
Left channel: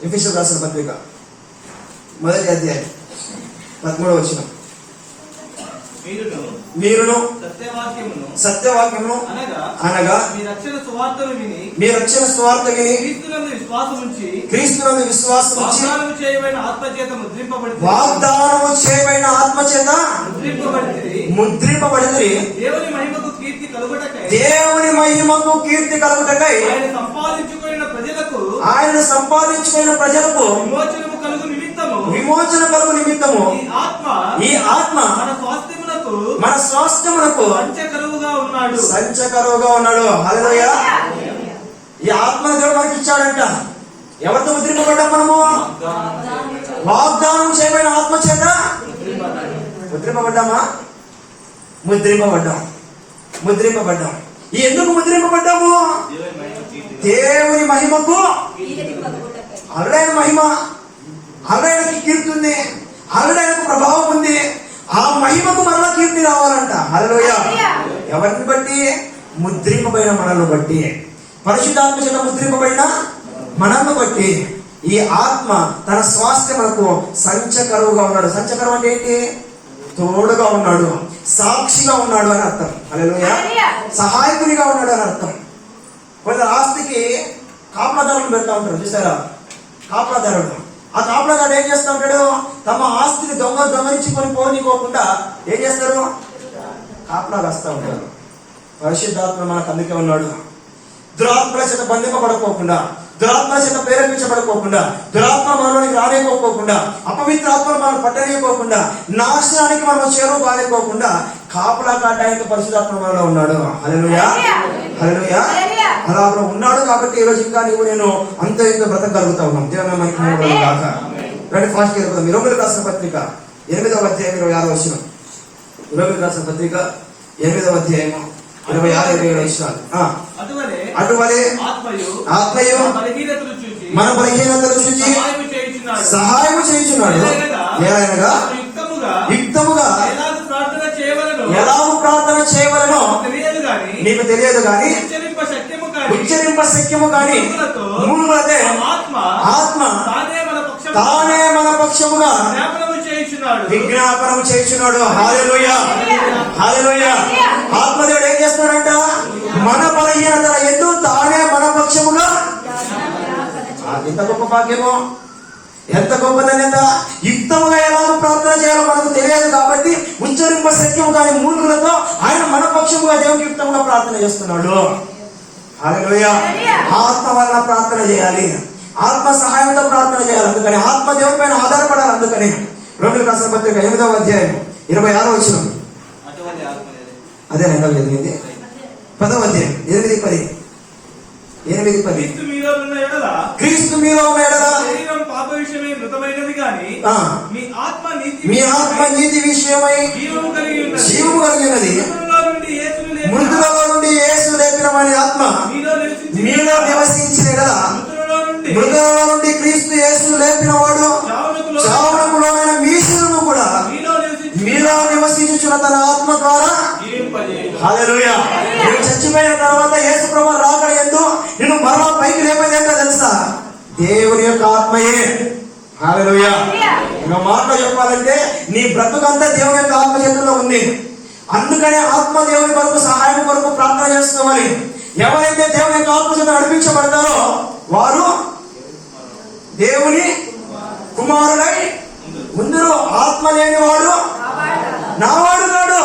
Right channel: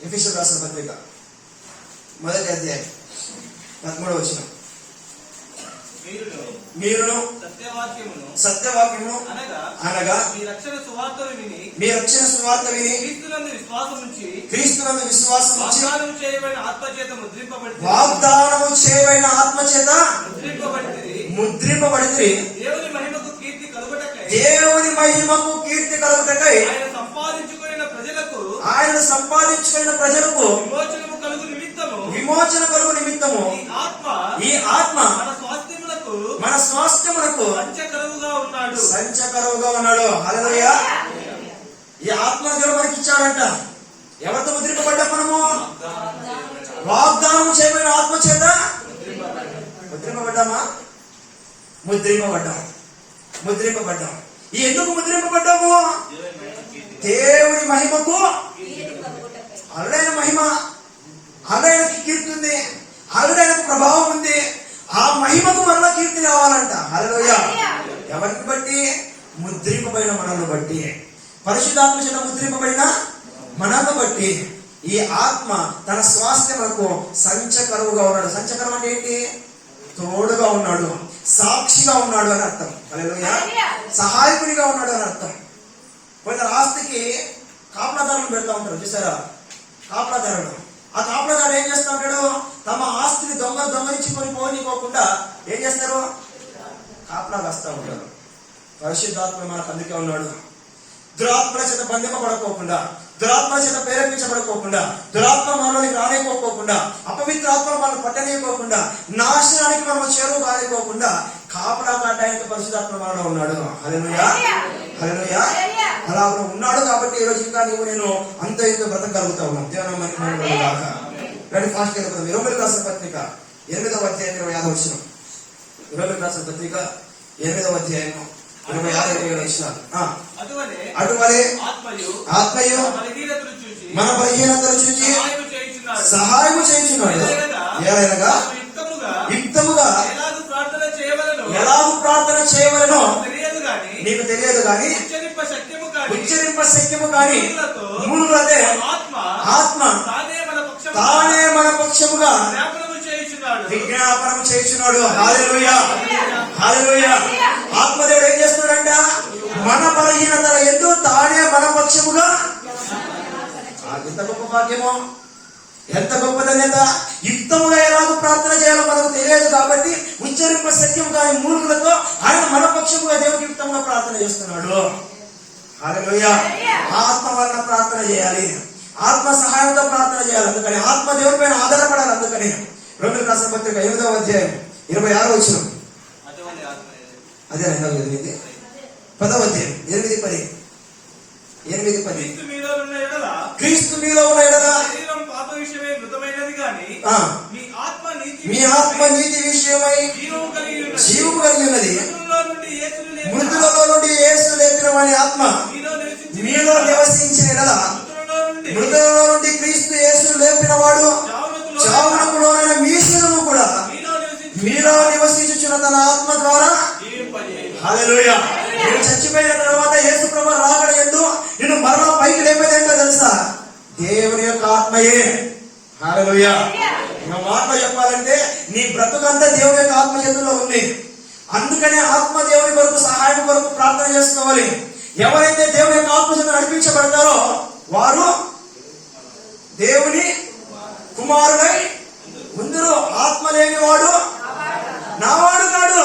ఎఫెసీయులకు రాసిన పత్రిక 1వ అధ్యాయం 13వ వచనం. మీరును సత్యవాక్యమును అనగా మీ రక్షణ సువార్త విని క్రీస్తునందు విశ్వాసం ఉంచి వాగ్దానము చేయబడిన ఆత్మచేత ముద్రింపబడితిరి. దేవుని మహిమకు కీర్తి కలుగుటకై ఆయన సంపాదించుకున్న ప్రజలకు విమోచన కలుగు నిమిత్తము ఈ ఆత్మ మన స్వాస్థ్యమునకు సంచకరువుగా ఉన్నాడు. హల్లెలూయా. ఈ ఆత్మ దేవుడు మనకి ఇచ్చాడంట. ఎవరితో ముద్రింపబడ్డాం మనము? వాగ్దానం చేయబడిన ఆత్మ చేత ముద్రింపబడ్డామా? ముద్రింపబడ్డాం. ఎందుకు ముద్రింపబడ్డాము? దేవుని మహిమకు. ఆవిడైన మహిమ, ఆవిడైనకి కీర్తి ఉంది, ఆవిడైనకు ప్రభావం ఉంది. ఆ మహిమకు మరలా కీర్తి రావాలంట. హల్లెలూయా. ఎవరిని బట్టి? ముద్రింపబడిన మనల్ని బట్టి. పరిశుద్ధాత్మ చేత ముద్రింపబడిన మనల్ని బట్టి ఈ ఆత్మ తన స్వాస్థ్యమునకు సంచకరువుగా ఉన్నాడు. సంచకరువు అంటే ఏంటి? తోడుగా ఉన్నాడు, సాక్షిగా ఉన్నాడు అని అర్థం. హల్లెలూయా. సహాయకునిగా ఉన్నాడు అని అర్థం. కొందరు ఆస్తికి కాపలాదారులను పెడతా ఉంటారు, చూసారా? కాపలాదారుడు. ఆ కాపలాదారుడు ఏం చేస్తా ఉంటాడు? తమ ఆస్తిని దొంగలించుకొని పోనీకోకుండా ఏం చేస్తారు? కాపలా రాస్తా ఉంటారు. పరిశుద్ధాత్మ మనకు అందుకే ఉన్నాడు. దురాత్మల చేత బంధింపబడకోకుండా, దురాత్మ చేత ప్రేరేపించబడుకోకుండా, దురాత్మ మనలోనికి రానికోకుండా, అపవిత్ర ఆత్మ మనం పట్టనీయకోకుండా, నాశనానికి మనం చేరువు కానికోకుండా కాపులా కాటానికి పరిశుద్ధాత్మ మనలో ఉన్నాడు. హల్లెలూయా, హల్లెలూయా. అలా ఉన్నాడు కాబట్టి ఈ రోజు ఇంకా నీవు నేను అంత ఇంత బ్రతకగలుగుతా ఉన్నాం. దేవుని మహిమ కాక. రండి ఫాస్ట్ గా వెళ్దాం. రోమీయులకు రాసిన పత్రిక 8వ అధ్యాయం 26వ వచనం. రోమీయులకు రాసిన పత్రిక 8వ అధ్యాయం 26-27 వచనాలు. అటువలే ఆత్మయు మన బలహీనతలు చూచి సహాయము చేయుచున్నాడు. ఏలైనగా యుక్తముగా ఎలాగూ ప్రార్థన చేయవలెనో నీకు తెలియదు గాని ఉచ్చరింప శక్యము కాని మూలుగులతే ఆత్మ తానే మన పక్షముగా విజ్ఞాపనము చేయుచున్నాడు. హల్లెలూయా, హల్లెలూయా. ఆత్మదేవుడు ఏం చేస్తున్నాడంట? మన బలహీనతల యందు తానే మన పక్షముగా. ఎంత గొప్ప భాగ్యమో, ఎంత గొప్ప ధన్యత. యుక్తముగా ఎలాగో ప్రార్థన చేయాలో మనకు తెలియదు కాబట్టి ఉచ్చరింప సత్యము కాని మూలుగులతో ఆయన మన పక్షముగా దేవునికి యుక్తంగా ప్రార్థన చేస్తున్నాడు. హల్లెలూయా. ఆత్మ వలన ప్రార్థన చేయాలి, ఆత్మ సహాయంతో ప్రార్థన చేయాలి. అందుకని ఆత్మ దేవుని పైన ఆధారపడాలి. అందుకని రోమీయులకు రాసిన పత్రిక 8వ అధ్యాయం 26వ వచనం. అదే జరిగింది. 10వ అధ్యాయం 8-10. క్రీస్తు మీలో ఉన్న ఎడల మీ ఆత్మ నీతి విషయమై జీవము కలిగినది. మృతులలో నుండి యేసు లేపిన వారి ఆత్మ మీలో నివసించిన ఎడల మృతులలో నుండి క్రీస్తు యేసు లేపిన వాడు చావునకు లోనైన మీ శరీరము కూడా మీలో నివసించుచున్న తన ఆత్మ ద్వారా. హల్లెలూయా. నువ్వు చచ్చిపోయిన తర్వాత యేసు ప్రభువు రాకడ యందు నిన్ను మరలా పైకి లేపేది ఏంటో తెలుసా? దేవుని యొక్క ఆత్మయే. హల్లెలూయా. ఇంకో మాటలో చెప్పాలంటే నీ బ్రతుకంతా దేవుని యొక్క ఆత్మ చేతుల్లో ఉంది. అందుకనే ఆత్మ దేవుని కొరకు సహాయం కొరకు ప్రార్థన చేసుకోవాలి. ఎవరైతే దేవుని యొక్క ఆత్మ చేత నడిపించబడతారో వారు దేవుని కుమారుడై ముందురు. ఆత్మ లేనివాడు నావాడు కాడు.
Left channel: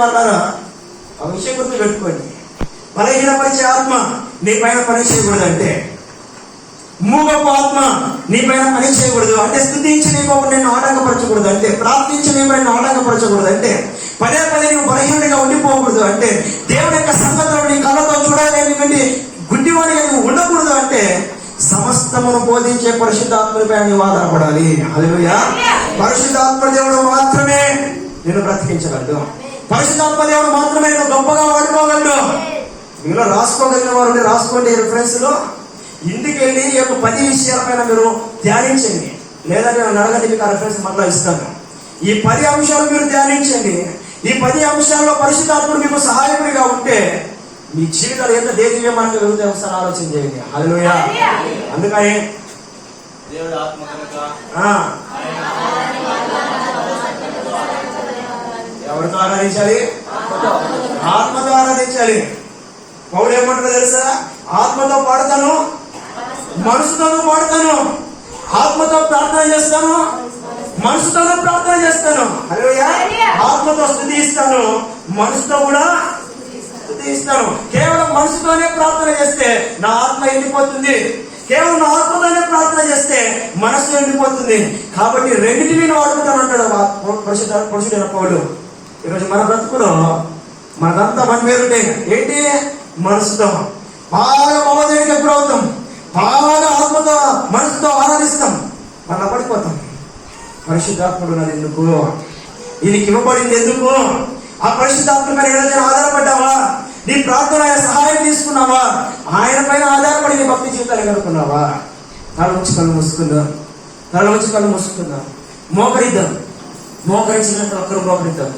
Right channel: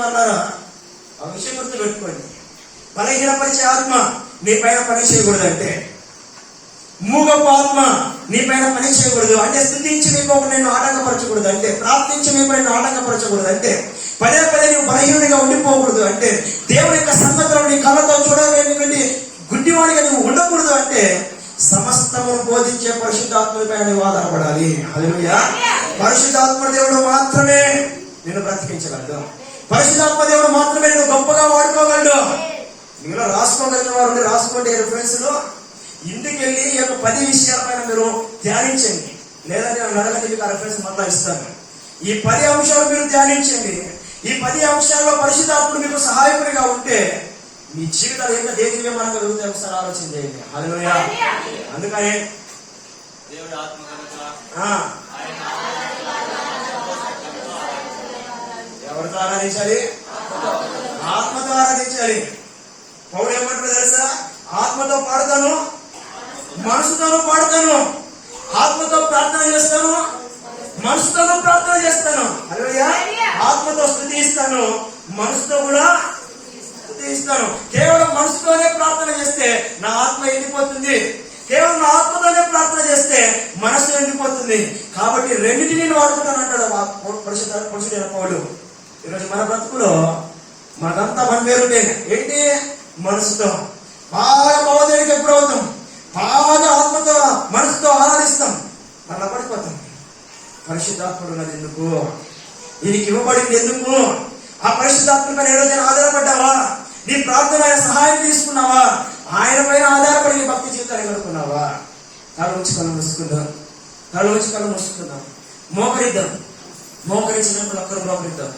వాళ్ళారా ఆ విషయం గురించి పెట్టుకోండి. బలహీనపరిచే ఆత్మ నీ పైన పని చేయకూడదంటే, మూగపు ఆత్మ నీ పైన పని చేయకూడదు అంటే, స్తుతించి నీకు నిన్ను ఆటంకపరచకూడదు అంటే, ప్రార్థించి నీకు నిన్ను ఆటంకపరచకూడదు అంటే, పదే పదే నువ్వు బలహీనుడిగా ఉండిపోకూడదు అంటే, దేవుని యొక్క సంగతులు నీ కళ్ళతో చూడలేని గుడ్డివాడిగా నువ్వు ఉండకూడదు అంటే, సమస్తమును బోధించే పరిశుద్ధాత్మపై నువ్వు ఆధారపడాలి. హల్లెలూయా. పరిశుద్ధాత్మ దేవుడు మాత్రమే నిన్ను బ్రతికించగలడు. పరిశుద్ధాత్మ దేవుడు మాత్రమే నువ్వు గొప్పగా వాడుకోగలడు. మీలో రాసుకోగలిగిన వారు రాసుకోండి. రిఫరెన్స్ లో ఇంటికి వెళ్ళి ఈ యొక్క 10 విషయాలపైన మీరు ధ్యానించండి. లేదంటే నేను అడగండి, మీకు ఆ రిఫరెన్స్ మళ్ళీ ఇస్తాను. ఈ 10 అంశాలు మీరు ధ్యానించండి. ఈ 10 అంశాల్లో పరిశుద్ధాత్ముడు మీకు సహాయకుడిగా ఉంటే మీ జీవితాలు ఎంత దేవీయమానంగా వెళ్తాయి ఒకసారి ఆలోచన చేయండి. హల్లెలూయా. అందుకని దేవుడు ఆత్మ ఎవరితో ఆరాధించాలి? ఆత్మతో ఆరాధించాలి. పౌలు ఏమంటారో తెలుసా? ఆత్మతో పాడతాను, మనసుతోనూ పాడతాను, ఆత్మతో ప్రార్థన చేస్తాను, మనసుతోనూ ప్రార్థన చేస్తాను. హల్లెలూయా. ఆత్మతో స్తుతిస్తాను, మనసుతో కూడా స్తుతిస్తాను. కేవలం మనసుతోనే ప్రార్థన చేస్తే నా ఆత్మ ఎండిపోతుంది. కేవలం నా ఆత్మతోనే ప్రార్థన చేస్తే మనసు ఎండిపోతుంది. కాబట్టి రెండింటినీ వాడుకుంటాను అంటాడు పురుషుడైన పౌలు. ఈరోజు మన బ్రతుకులో మనకంతా మన పేరుంటే ఏంటి? మనసుతో బాగా భావోద్వేగానికి ఎప్పుడవుతాం, బాగా ఆత్మతో మనసుతో ఆరాధిస్తాం, మన పడిపోతాం. పరిశుద్ధాత్ముడు నాది ఎందుకు? ఈయనకి ఇవ్వబడింది ఎందుకు? ఆ పరిశుద్ధాత్మ పైన ఏదైనా ఆధారపడ్డావా? నీ ప్రార్థన సహాయం తీసుకున్నావా? ఆయన పైన ఆధారపడి నీ భక్తి జీవితాన్ని గడుపుకున్నావా? తల ఉంచి కళ్ళు మూసుకుందాం, తల ఉంచి కళ్ళు మూసుకుందాం. మోకరిద్దాం, మోకరించిన ప్రతి ఒక్కరు మోకరిద్దాం,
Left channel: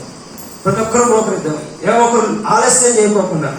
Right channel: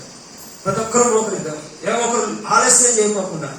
ప్రతి ఒక్కరు మోకరిద్దాం. ఏ ఒక్కరు ఆలస్యం చేయకోకుండా